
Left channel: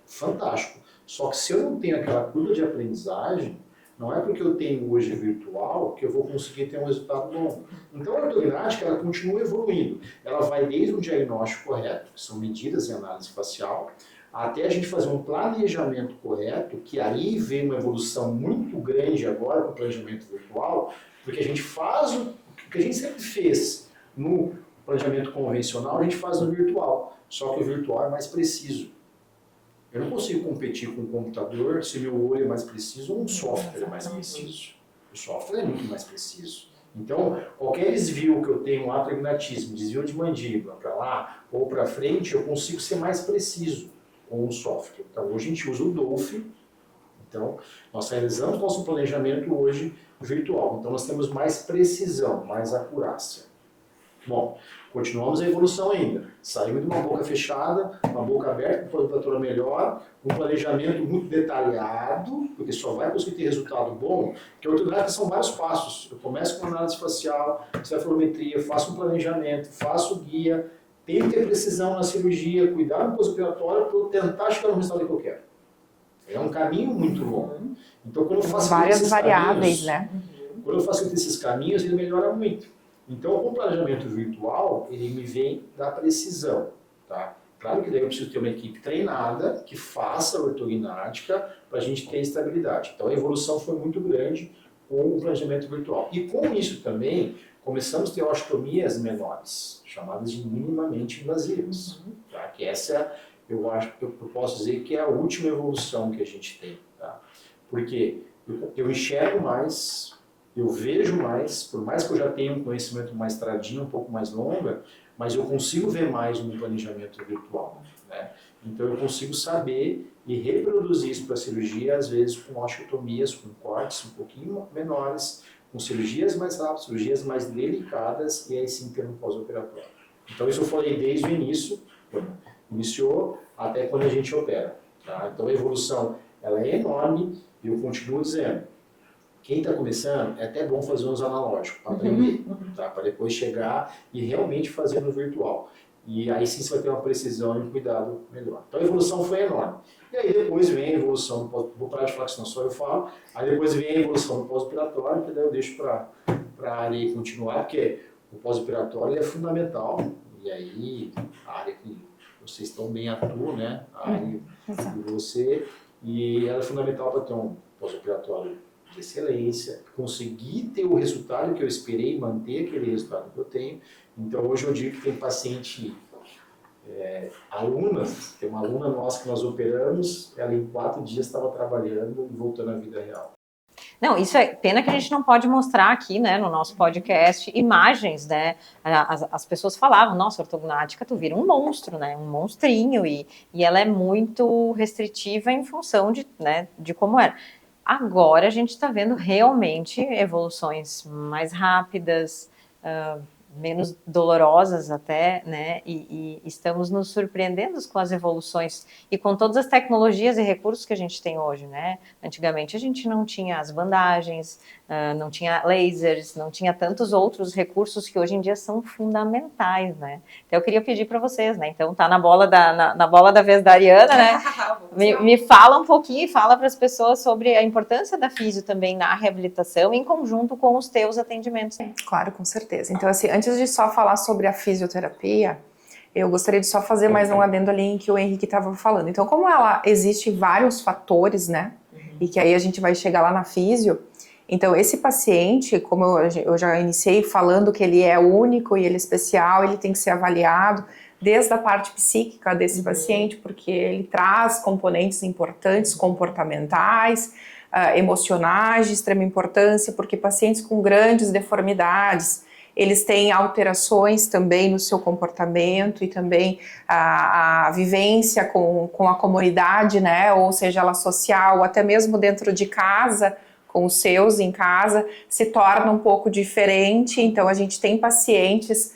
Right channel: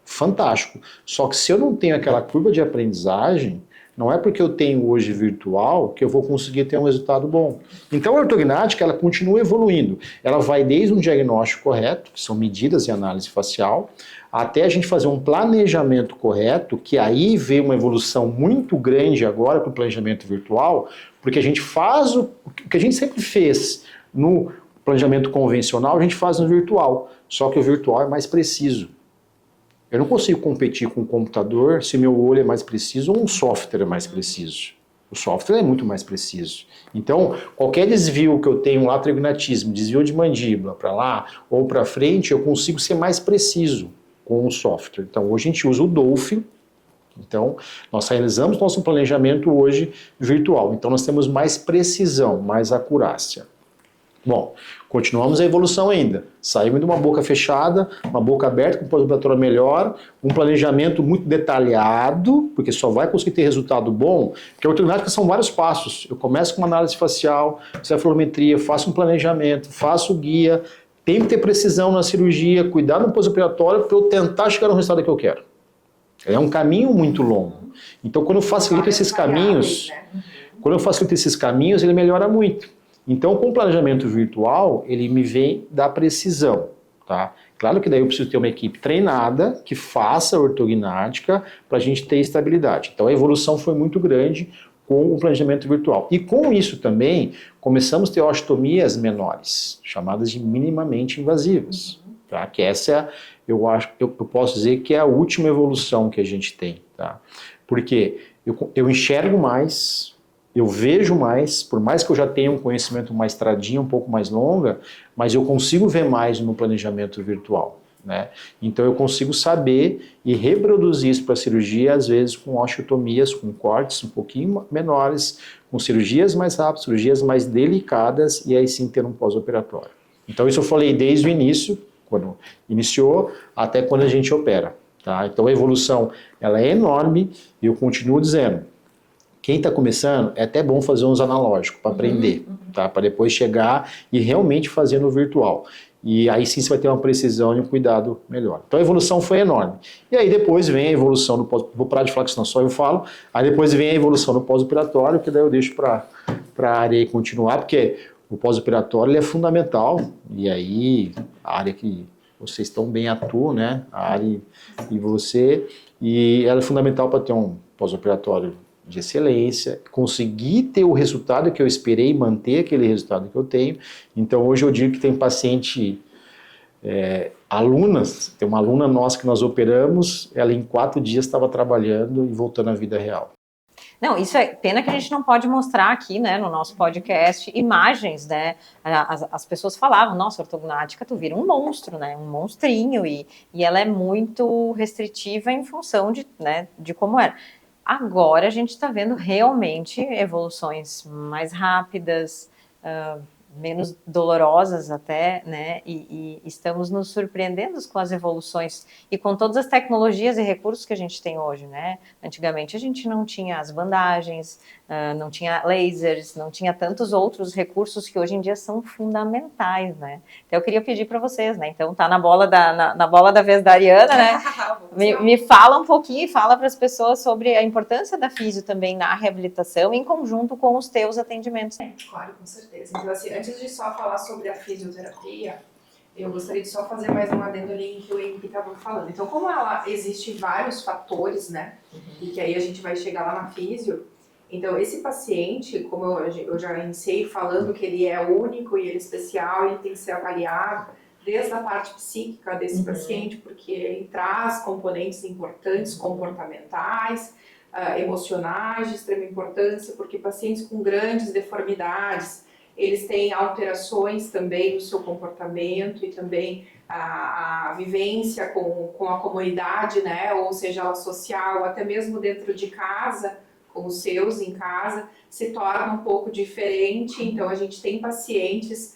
Fantástico. Só que se eu não tenho aquela curva de aprendizagem, Não é porque eu tenho hoje virtual que eu vou conseguir ter um resultado bom. Então a ortognática, ela continua evoluindo. Ela vai desde um diagnóstico correto, que são medidas e análise facial, até a gente fazer um planejamento correto, que aí veio uma evolução muito grande agora para o planejamento virtual, porque a gente faz o que a gente sempre fez no planejamento convencional, a gente faz no virtual, só que o virtual é mais preciso. Eu não consigo competir com o computador se meu olho é mais preciso ou um software é mais preciso. O software é muito mais preciso. Então, qualquer desvio que eu tenho lá, trignatismo, desvio de mandíbula para lá ou para frente, eu consigo ser mais preciso com o software. Então, hoje a gente usa o Dolphin. Então, nós realizamos nosso planejamento hoje virtual. Então, nós temos mais precisão, mais acurácia. Bom, continuamos a evolução ainda. Saímos de uma boca fechada, uma boca aberta, com pós-operatório melhor, um planejamento muito detalhado, porque só vai conseguir ter resultado bom, porque a ortognática são vários passos. Eu começo com uma análise facial, cefalometria, faço um planejamento, faço guia, tenho que ter precisão na cirurgia, cuidar no pós-operatório para eu tentar chegar no resultado que eu quero. É um caminho muito longo. Então, quando eu facilito esses caminhos, né? quando eu facilito esses caminhos, ele melhora muito. Então, com o planejamento virtual, ele me vem da precisão, tá? Claro que daí eu preciso ter uma equipe treinada que faça a ortognática para a gente ter estabilidade. Então, a evolução foi muito grande com o planejamento virtual. E com isso também, começamos a ter osteotomias menores, chamadas de minimamente invasivas, tá? Que essa, eu posso dizer que é a última evolução que a gente tem, tá? Porque eu enxergo mais, eu vejo mais, por mais que eu já tenha um conhecimento, uma estradinha um pouco mais longa, mas eu consigo ver mais no planejamento virtual, né? Então eu consigo saber e reproduzir isso para a cirurgia, às vezes com osteotomias, com cortes um pouquinho menores, com cirurgias mais rápidas, cirurgias mais delicadas e aí sim ter um pós-operatório. Então isso eu falei desde o início, quando iniciou, até quando a gente opera, tá? Então a evolução ela é enorme e eu continuo dizendo, quem está começando, é até bom fazer uns analógicos para aprender, tá? Para depois chegar e realmente fazer no virtual. E aí sim você vai ter uma precisão e um cuidado melhor. Então a evolução foi enorme. E aí depois vem a evolução no pós... Vou parar de falar que senão só eu falo. Aí depois vem a evolução no pós-operatório, que daí eu deixo para a área aí continuar, porque o pós-operatório ele é fundamental. E aí a área que vocês estão bem atuam, né? A área e você. E ela é fundamental para ter um pós-operatório de excelência, conseguir ter o resultado que eu esperei, manter aquele resultado que eu tenho. Então hoje eu digo que tem paciente, alunas, tem uma aluna nossa que nós operamos, ela em 4 dias estava trabalhando e voltando à vida real. Não, isso é pena que a gente não pode mostrar aqui, né, no nosso podcast, imagens, né, as pessoas falavam, nossa, ortognática, tu vira um monstro, né, um monstrinho, e ela é muito restritiva em função de, né, de como era. Agora a gente está vendo realmente evoluções mais rápidas, menos dolorosas até, né? E estamos nos surpreendendo com as evoluções e com todas as tecnologias e recursos que a gente tem hoje, né? Antigamente a gente não tinha as bandagens, não tinha lasers, não tinha tantos outros recursos que hoje em dia são fundamentais, né? Então eu queria pedir para vocês, né? Então tá na bola da vez da Ariana, né? Me fala um pouquinho e fala para as pessoas sobre a importância da físio também na reabilitação em conjunto com os teus atendimentos. Claro, com certeza. Então, assim, antes de só falar sobre a fisioterapia, eu gostaria de só fazer mais um adendo ali em que o Henrique estava falando. Então, como ela existe vários fatores, né? E que aí a gente vai chegar lá na físio. Então, esse paciente, como eu já iniciei falando que ele é único e ele é especial, ele tem que ser avaliado desde a parte psíquica desse paciente, porque ele traz componentes importantes, comportamentais, emocionais de extrema importância, porque pacientes com grandes deformidades, eles têm alterações também no seu comportamento e também a vivência com a comunidade, né, ou seja, ela social, ou até mesmo dentro de casa, com os seus em casa, se torna um pouco diferente. Então a gente tem pacientes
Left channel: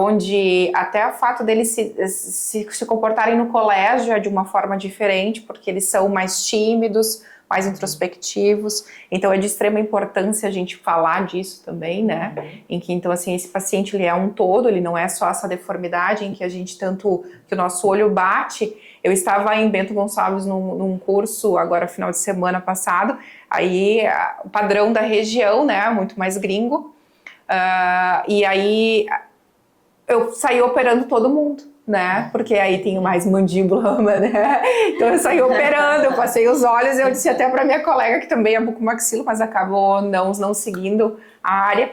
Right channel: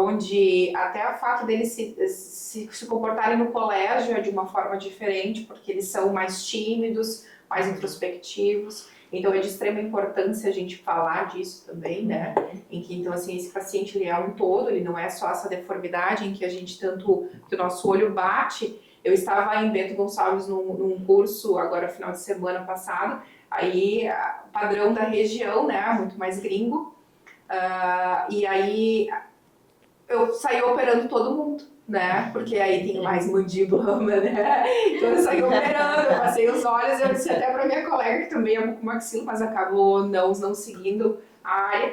onde até o fato deles se comportarem no colégio é de uma forma diferente, porque eles são mais tímidos, mais introspectivos. Então, é de extrema importância a gente falar disso também, né? Em que, então, assim, esse paciente, ele é um todo, ele não é só essa deformidade em que a gente tanto, que o nosso olho bate. Eu estava em Bento Gonçalves num curso, agora, final de semana passado, aí, o padrão da região, né? Muito mais gringo. E aí, eu saí operando todo mundo, né? Porque aí tem mais mandíbula, né? Então eu saí operando, eu passei os olhos, eu disse até para minha colega, que também é bucomaxilo, mas acabou não seguindo a área.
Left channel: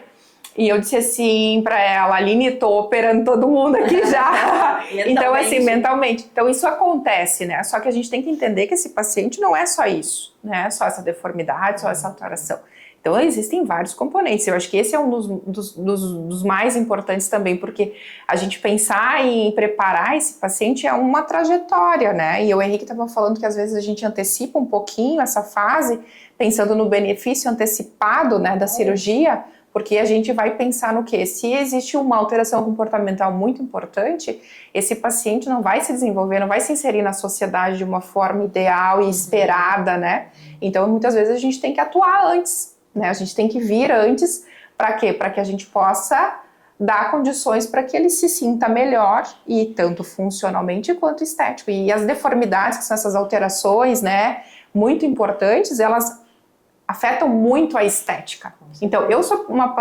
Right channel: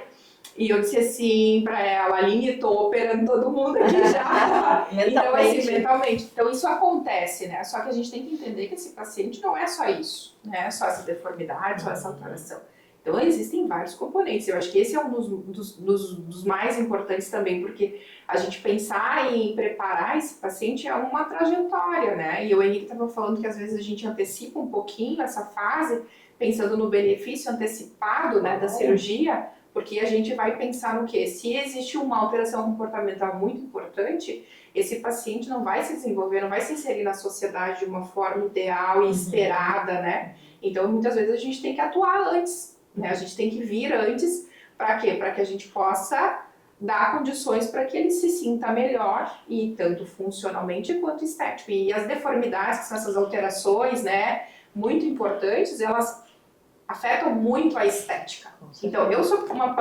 E eu disse assim para ela, Aline, tô operando todo mundo aqui já. Então, assim, mentalmente. Então, isso acontece, né? Só que a gente tem que entender que esse paciente não é só isso, né? Só essa deformidade, só essa alteração. Então, existem vários componentes. Eu acho que esse é um dos mais importantes também, porque a gente pensar em preparar esse paciente é uma trajetória, né? E o Henrique estava falando que às vezes a gente antecipa um pouquinho essa fase, pensando no benefício antecipado, né, da cirurgia, porque a gente vai pensar no quê? Se existe uma alteração comportamental muito importante, esse paciente não vai se desenvolver, não vai se inserir na sociedade de uma forma ideal e esperada, né? Então, muitas vezes a gente tem que atuar antes, né? A gente tem que vir antes, para quê? Para que a gente possa dar condições para que ele se sinta melhor, e tanto funcionalmente quanto estético. E as deformidades, que são essas alterações, né, muito importantes, elas afetam muito a estética. Então, eu sou uma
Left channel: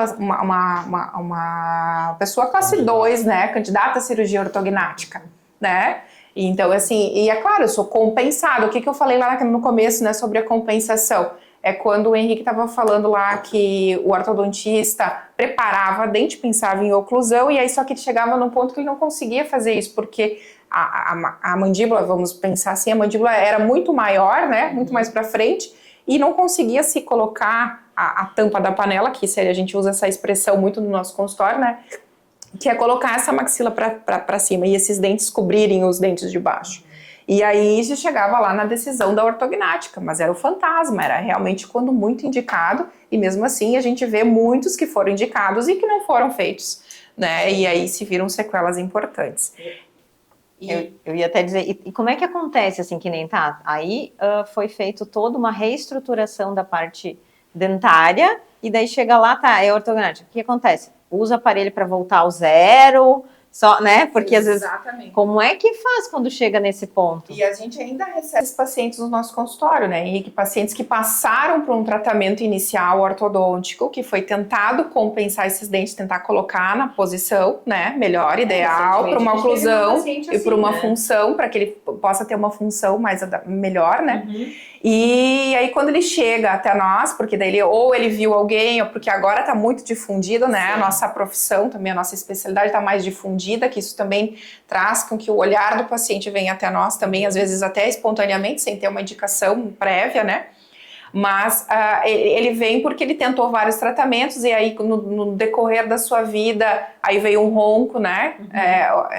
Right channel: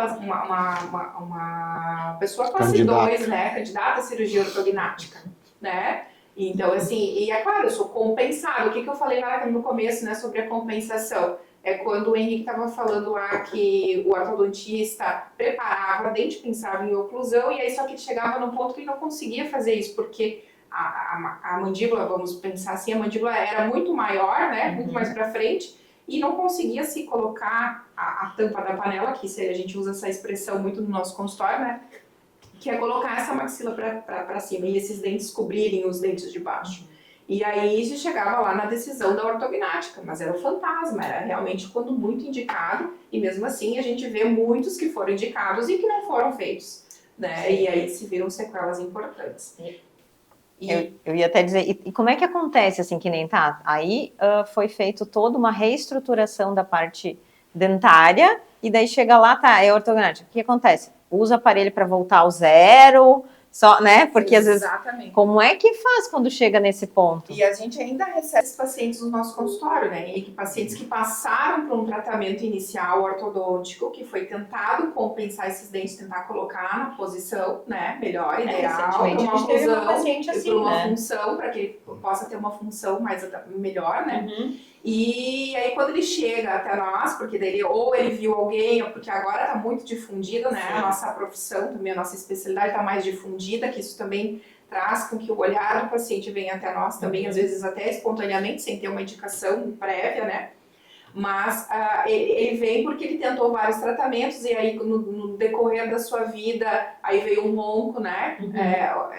pessoa classe 2, né, candidata à cirurgia ortognática, né? Então, assim, e é claro, eu sou compensada. O que eu falei lá no começo, né, sobre a compensação? É quando o Henrique estava falando lá que o ortodontista preparava dente, pensava em oclusão, e aí só que ele chegava no ponto que ele não conseguia fazer isso, porque a mandíbula, vamos pensar assim, a mandíbula era muito maior, né, muito mais para frente, e não conseguia se colocar a tampa da panela, que a gente usa essa expressão muito no nosso consultório, né, que é colocar essa maxila para cima, e esses dentes cobrirem os dentes de baixo. E aí já chegava lá na decisão da ortognática, mas era o fantasma, era realmente quando muito indicado, e mesmo assim a gente vê muitos que foram indicados e que não foram feitos, né? E aí se viram sequelas importantes. Eu ia até dizer, e como é que acontece, assim, que nem tá? Aí foi feito toda uma reestruturação da parte dentária, e daí chega lá, tá, é ortognática. O que acontece? Usa o aparelho para voltar ao zero, só, né? Porque Exatamente. Às vezes, como é que faz quando chega nesse ponto? E a gente ainda recebe esses pacientes no nosso consultório, né? E pacientes que passaram por um tratamento inicial ortodôntico, que foi tentado compensar esses dentes, tentar colocar na posição, né? Melhor, ideal, para uma oclusão e para uma função, para que ele possa ter uma função mais melhor, né? E aí quando ele chega até nós, porque daí ou ele viu alguém, ou porque agora está muito difundido, né? A nossa profissão também, a nossa especialidade está mais difundida, que isso também traz com que o olhar do paciente venha até nós também, às vezes até espontaneamente, sem ter uma indicação prévia, né? Mas ele vem porque ele tentou vários tratamentos, e aí no decorrer da sua vida, aí veio um ronco, né?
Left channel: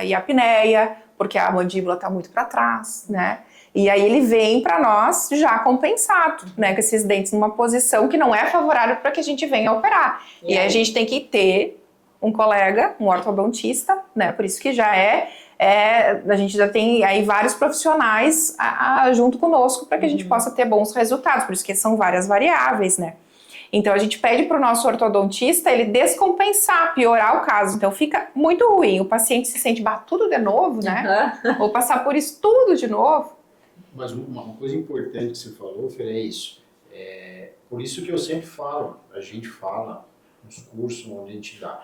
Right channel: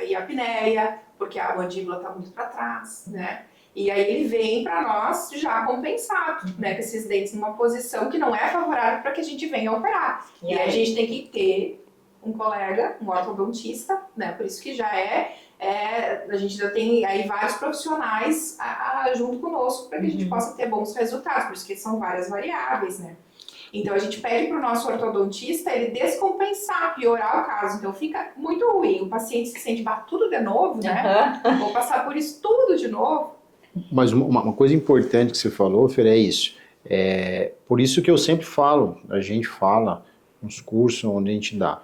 E a apneia, porque a mandíbula está muito para trás, né? E aí ele vem para nós já compensado, né, com esses dentes numa posição que não é favorável para que a gente venha operar. E aí a gente tem que ter um colega, um ortodontista, né, por isso que já a gente já tem aí vários profissionais junto conosco para que a gente possa ter bons resultados, por isso que são várias variáveis, né. Então a gente pede para o nosso ortodontista ele descompensar, piorar o caso. Então fica muito ruim, o paciente se sente tudo de novo, né, ou passar por isso tudo de novo. Mas uma coisa importante que você falou, Fer, é isso. Por isso que eu sempre falo, a gente fala nos cursos onde a gente dá.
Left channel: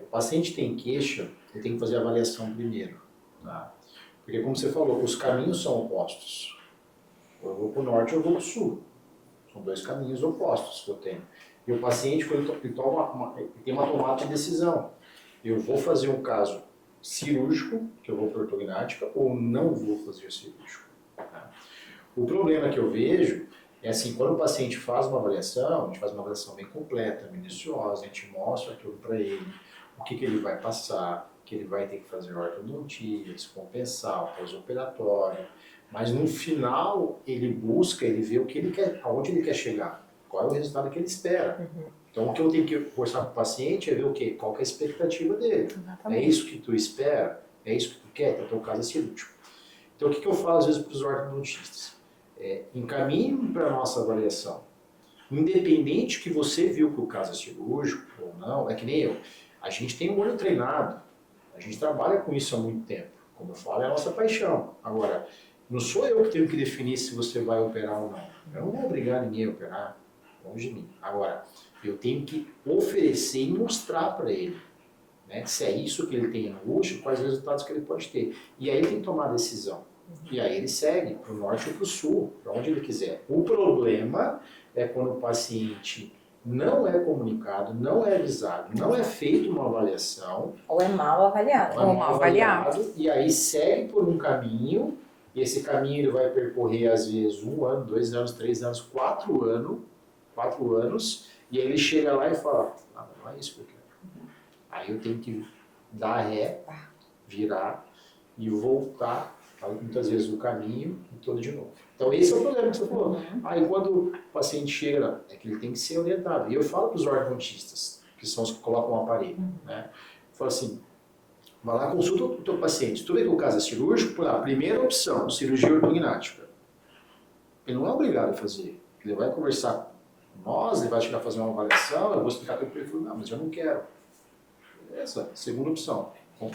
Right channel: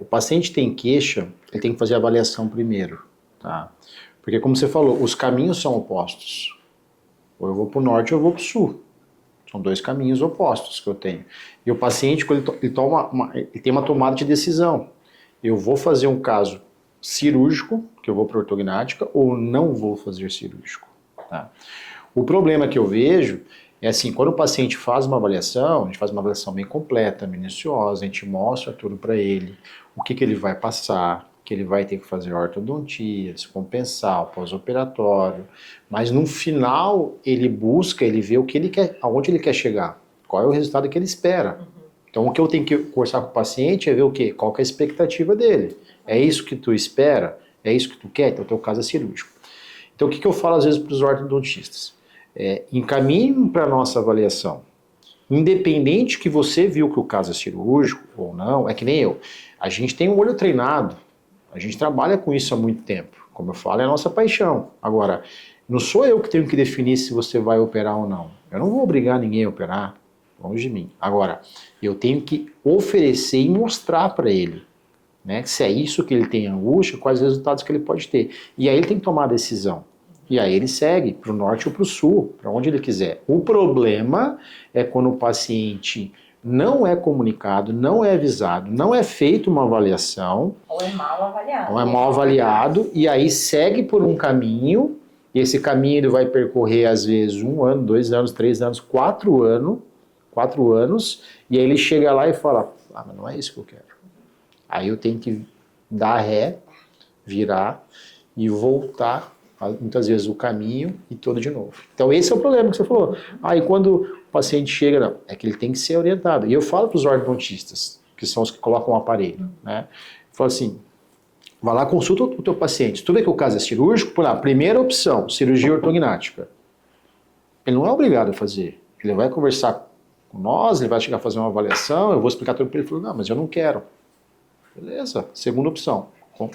O paciente tem queixa, ele tem que fazer a avaliação primeiro, tá? Porque como você falou, os caminhos são opostos. Ou eu vou para o norte ou eu vou para o sul. São dois caminhos opostos que eu tenho. E o paciente, quando ele tem uma tomada de decisão. Eu vou fazer um caso cirúrgico, que eu vou para ortognática, ou não vou fazer cirúrgico. Tá? O problema que eu vejo é assim, quando o paciente faz uma avaliação, a gente faz uma avaliação bem completa, minuciosa, a gente mostra tudo para ele, o que ele vai passar, que ele vai ter que fazer ortodontia, se compensar, o pós-operatório, mas no final ele busca, ele vê o que ele quer, aonde ele quer chegar, qual é o resultado que ele espera. Então o que eu tenho que conversar com o paciente é ver o quê? Qual que é a expectativa dele. Exatamente. É isso que tu espera? É isso que tu quer? Então o teu caso é cirúrgico. Então o que eu falo às vezes para os ortodontistas? encaminhe para a nossa avaliação. Independente que você viu que o caso é cirúrgico ou não, é que nem eu. A gente tem um olho treinado, a gente trabalha com isso há muito tempo. Como eu falo, é a nossa paixão. Agora, não sou eu que tenho que definir se você vai operar ou não. Eu não vou obrigar ninguém a operar, longe de mim. Agora, eu tenho que oferecer e mostrar para ele, né, se é isso que ele tem angústia, quais resultados que ele pode ter. E aí ele tem que tomar a decisão. E aí ele segue para o norte ou para o sul, para onde ele quiser. O problema é quando o paciente não é comunicado, não é avisado, não é feita uma avaliação. Ou é mal avaliado. Ou é mal avaliado, e aí segue por um caminho, e esse caminho ele vai percorrer às vezes 1 ano, 2 anos, 3 anos, 4 anos, e aí ele chega lá e fala, mas não é isso que eu quero. Aí eu tenho que dar ré, virar e voltar, muitas vezes, o caminho e todo de novo. Então esse é o problema que você falou. Aí quando o paciente chega, não, é que ele tem que ser orientado. E eu falo para os ortodontistas, que são os que colocam o aparelho, né? Eu falo assim, vai lá, consulta o teu paciente. Se tu vê que o caso é cirúrgico, por lá, primeira opção, cirurgia ortognática. Ele não é obrigado a fazer. Ele vai conversar com nós, ele vai chegar a fazer uma avaliação, eu vou explicar tudo para ele. Ele falou, não, mas eu não quero. Beleza, segunda opção,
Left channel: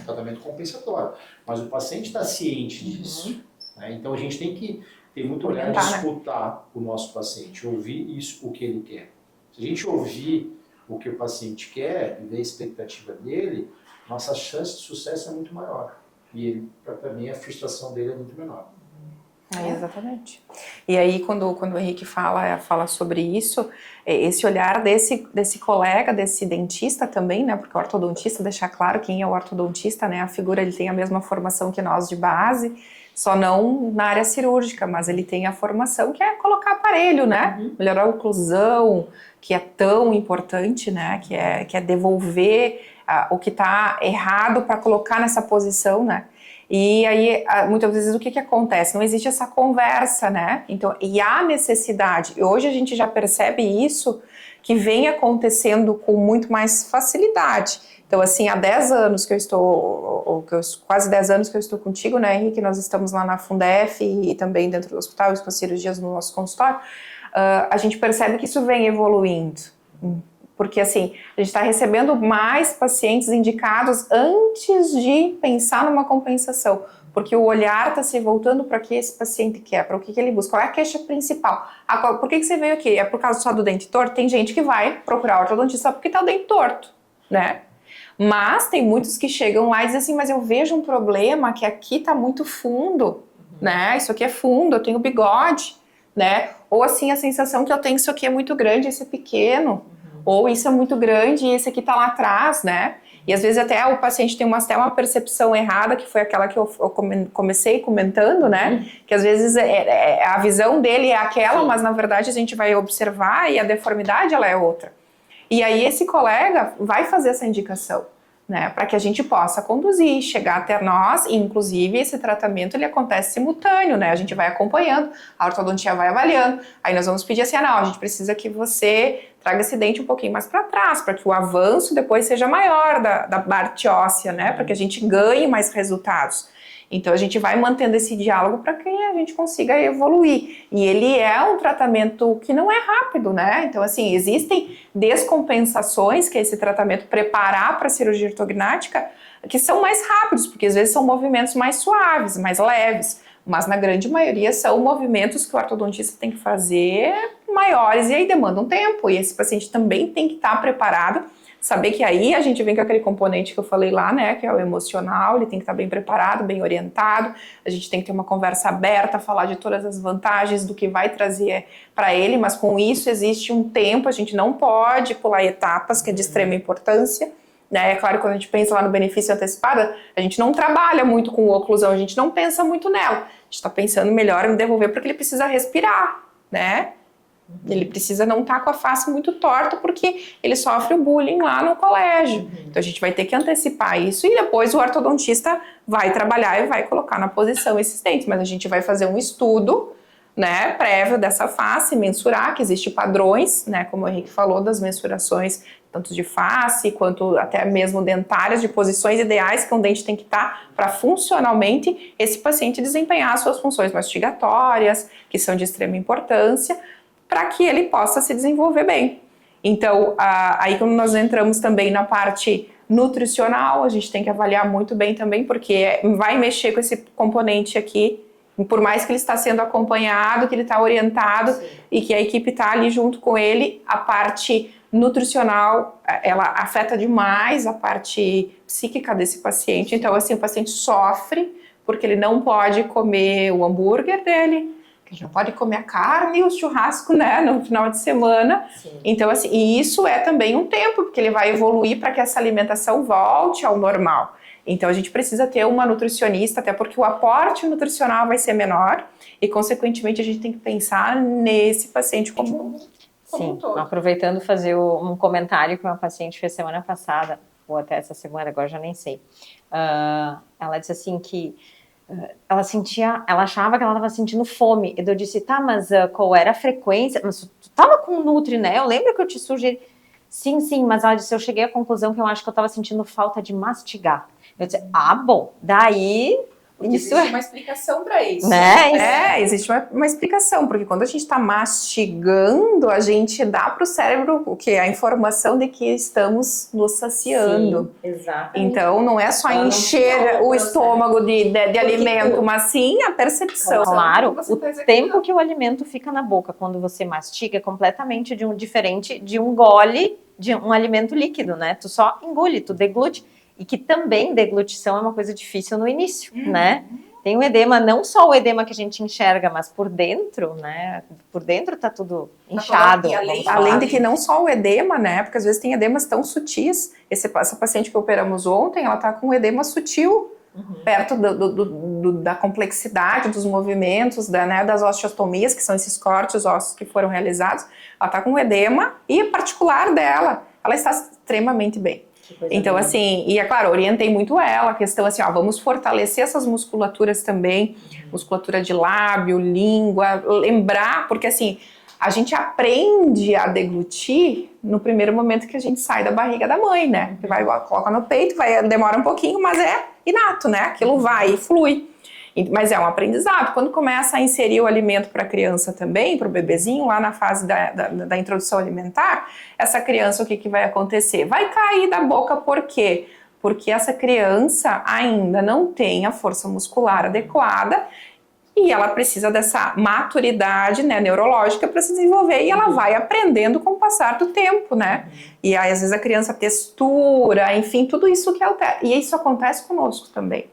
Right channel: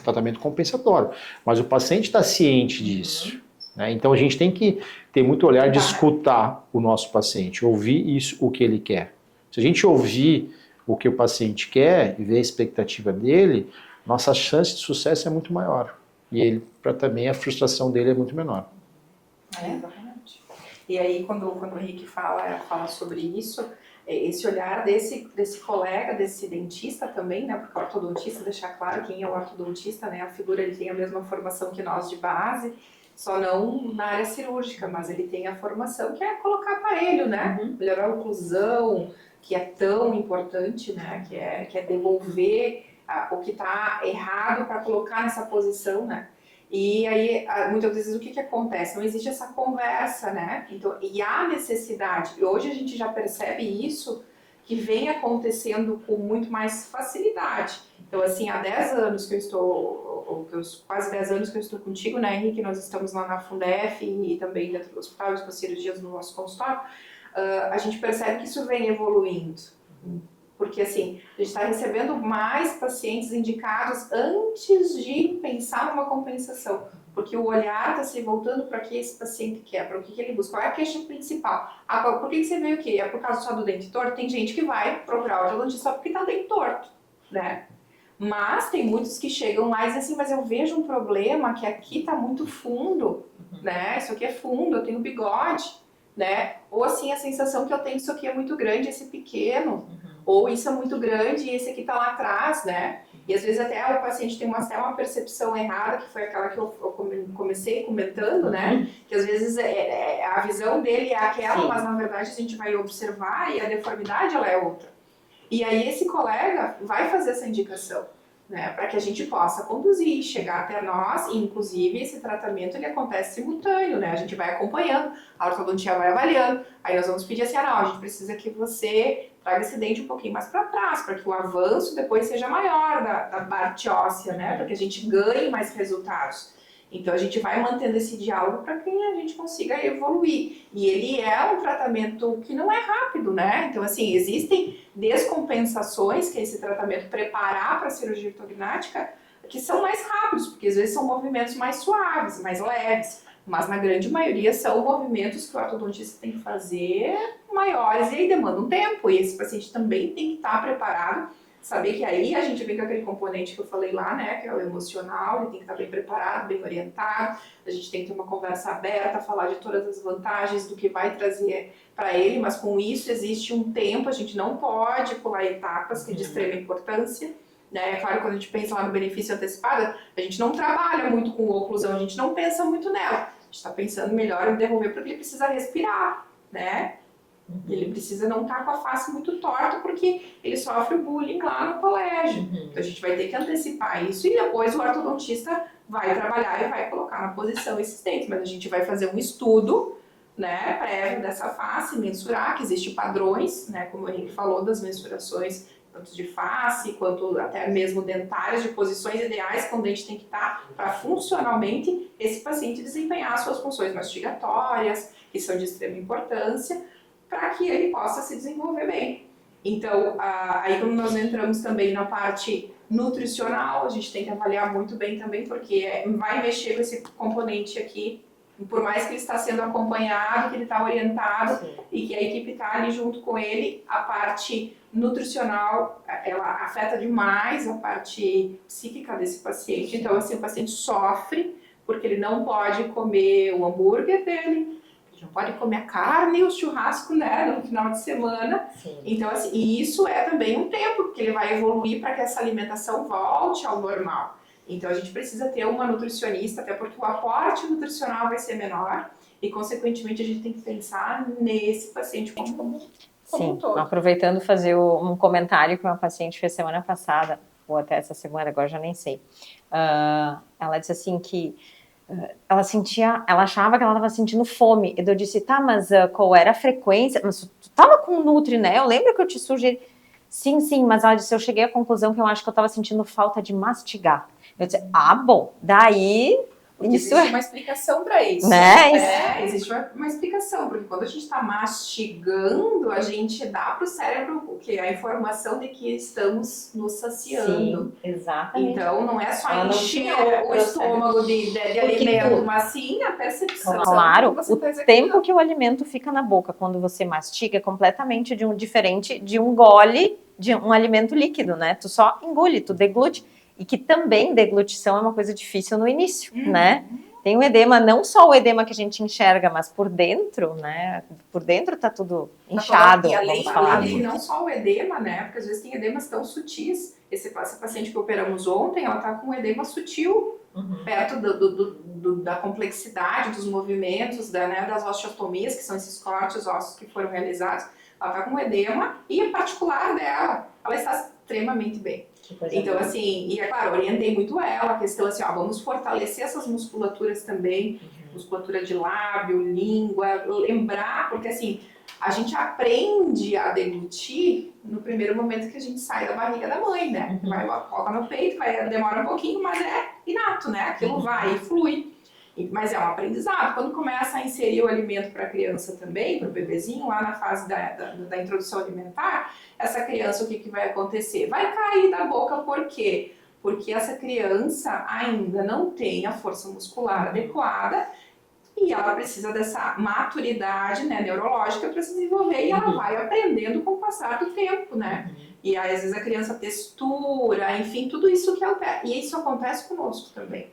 tratamento compensatório. Mas o paciente está ciente disso. Né? Então a gente tem que ter muito olhar de escutar o nosso paciente, ouvir isso, o que ele quer. Se a gente ouvir o que o paciente quer e ver a expectativa dele, nossa chance de sucesso é muito maior. E ele, também a frustração dele é muito menor. Exatamente. E aí, quando o Henrique fala sobre isso, esse olhar desse colega, desse dentista também, né? Porque o ortodontista, deixar claro quem é o ortodontista, né? A figura, ele tem a mesma formação que nós de base, só não na área cirúrgica, mas ele tem a formação que é colocar aparelho, né? Melhorar a oclusão, que é tão importante, né? Que é devolver o que está errado para colocar nessa posição, né? E aí, muitas vezes, o que acontece? Não existe essa conversa, né? Então, e há necessidade. E hoje a gente já percebe isso, que vem acontecendo com muito mais facilidade. Então, assim, há 10 anos que eu estou, quase 10 anos que eu estou contigo, né, Henrique? Nós estamos lá na Fundef e também dentro do hospital, com as cirurgias no nosso consultório. A gente percebe que isso vem evoluindo. Porque, assim, a gente está recebendo mais pacientes indicados antes de pensar numa compensação. Porque o olhar está se voltando para o que esse paciente quer, para o que ele busca. Qual é a queixa principal? Por que você veio aqui? É por causa só do dente torto? Tem gente que vai procurar ortodontista só porque está o dente torto, né? Mas tem muitos que chegam lá e dizem assim, mas eu vejo um problema que aqui está muito fundo, né? Isso aqui é fundo, eu tenho bigode, né? Ou assim, a sensação que eu tenho que isso aqui é muito grande, esse é pequeno. Ou isso é muito grande e esse aqui tá lá atrás, né? E às vezes até o paciente tem até uma percepção errada, que foi aquela que eu comecei comentando, né? Que às vezes a visão dele é aquela, mas na verdade a gente vai observar e a deformidade ela é outra. E aí esse colega vai fazer essa indicação, né? Para que a gente possa conduzir, chegar até nós, e inclusive esse tratamento ele acontece simultâneo, né? A gente vai acompanhando, a ortodontia vai avaliando, aí nós vamos pedir assim, não, a gente precisa que você traga esse dente um pouquinho mais para trás, para que o avanço depois seja maior da parte óssea, né? Para que a gente ganhe mais resultados. Então a gente vai mantendo esse diálogo para que a gente consiga evoluir. E ele é um tratamento que não é rápido, né? Então assim, existem descompensações que é esse tratamento preparar para a cirurgia ortognática que são mais rápidos, porque às vezes são movimentos mais suaves, mais leves. Mas na grande maioria são movimentos que o ortodontista tem que fazer maiores e aí demandam tempo. E esse paciente também tem que estar preparado, saber que aí a gente vem com aquele componente que eu falei lá, né, que é o emocional, ele tem que estar bem preparado, bem orientado, a gente tem que ter uma conversa aberta, falar de todas as vantagens do que vai trazer para ele, mas com isso existe um tempo, a gente não pode pular etapas, que é de extrema importância. É claro, quando a gente pensa lá no benefício antecipado, a gente não trabalha muito com oclusão, a gente não pensa muito nela. A gente está pensando melhor em devolver porque ele precisa respirar, né? Ele precisa não estar com a face muito torta porque ele sofre o bullying lá no colégio. Então a gente vai ter que antecipar isso e depois o ortodontista vai trabalhar e vai colocar na posição esses dentes. Mas a gente vai fazer um estudo, né, prévio dessa face, mensurar que existem padrões, né, como o Henrique falou, das mensurações tanto de face, quanto até mesmo dentárias, de posições ideais que um dente tem que estar para funcionalmente esse paciente desempenhar as suas funções mastigatórias, que são de extrema importância, para que ele possa se desenvolver bem. Então, aí quando nós entramos também na parte nutricional, a gente tem que avaliar muito bem também, porque vai mexer com esse componente aqui, por mais que ele está sendo acompanhado, que ele está orientado, sim, e que a equipe está ali junto com ele, a parte nutricional, ela afeta demais a parte psíquica desse paciente. Então, assim, o paciente sofre porque ele não pode comer o hambúrguer dele, que não pode comer a carne e o churrasco, né, no final de semana. Sim. Então, assim, e isso é também um tempo, porque ele vai evoluir para que essa alimentação volte ao normal. Então, a gente precisa ter uma nutricionista, até porque o aporte nutricional vai ser menor e, consequentemente, a gente tem que pensar nesse paciente como Sim, um todo. Aproveitando fazer um comentário que uma paciente fez semana passada, ou até essa semana, agora já nem sei. Ela disse assim que ela achava que ela estava sentindo fome. E eu disse, tá, mas qual era a frequência? Mas tu estava com Nutri, né? Eu lembro que eu te sugeri. Sim, mas ela disse, eu cheguei à conclusão que eu acho que eu estava sentindo falta de mastigar. Eu disse, bom, daí... Porque isso existe uma explicação para isso. Né? Existe uma explicação, porque quando a gente está mastigando, a gente dá para o cérebro o que? A informação de que estamos nos saciando. Sim, exatamente. Então, não é só encher o estômago de alimento, mas sim a percepção. Claro, o tempo que o alimento fica na boca quando você mastiga é completamente diferente de um gole de um alimento líquido, né? Tu só engole, tu deglute. E que também deglutição é uma coisa difícil no início, né? Tem o edema, não só o edema que a gente enxerga, mas por dentro, né? Por dentro tá tudo inchado. E além de que não só o edema, né? Porque às vezes tem edemas tão sutis. Essa paciente que operamos ontem, ela tá com um edema sutil, perto da complexidade dos movimentos, das osteotomias, que são esses cortes ósseos que foram realizados. Ela tá com um edema e em particular dela, ela está extremamente bem. Então, assim, e é claro, orientei muito ela, a questão assim, vamos fortalecer essas musculaturas também, musculatura de lábio, língua, lembrar, porque assim, a gente aprende a deglutir no primeiro momento que a gente sai da barriga da mãe, né? Coloca no peito, demora um pouquinho, mas é inato, né? Aquilo vai e flui. Mas é um aprendizado. Quando começa a inserir o alimento para a criança também, para o bebezinho, lá na fase da introdução alimentar, essa criança, o que vai acontecer? Vai cair da boca, por quê? Porque essa criança ainda não tem a força muscular adequada e ela precisa dessa maturidade, né, neurológica para se desenvolver, e ela vai aprendendo com o passar do tempo, né? E aí, às vezes, a criança textura, enfim, tudo isso que altera. E isso acontece conosco também.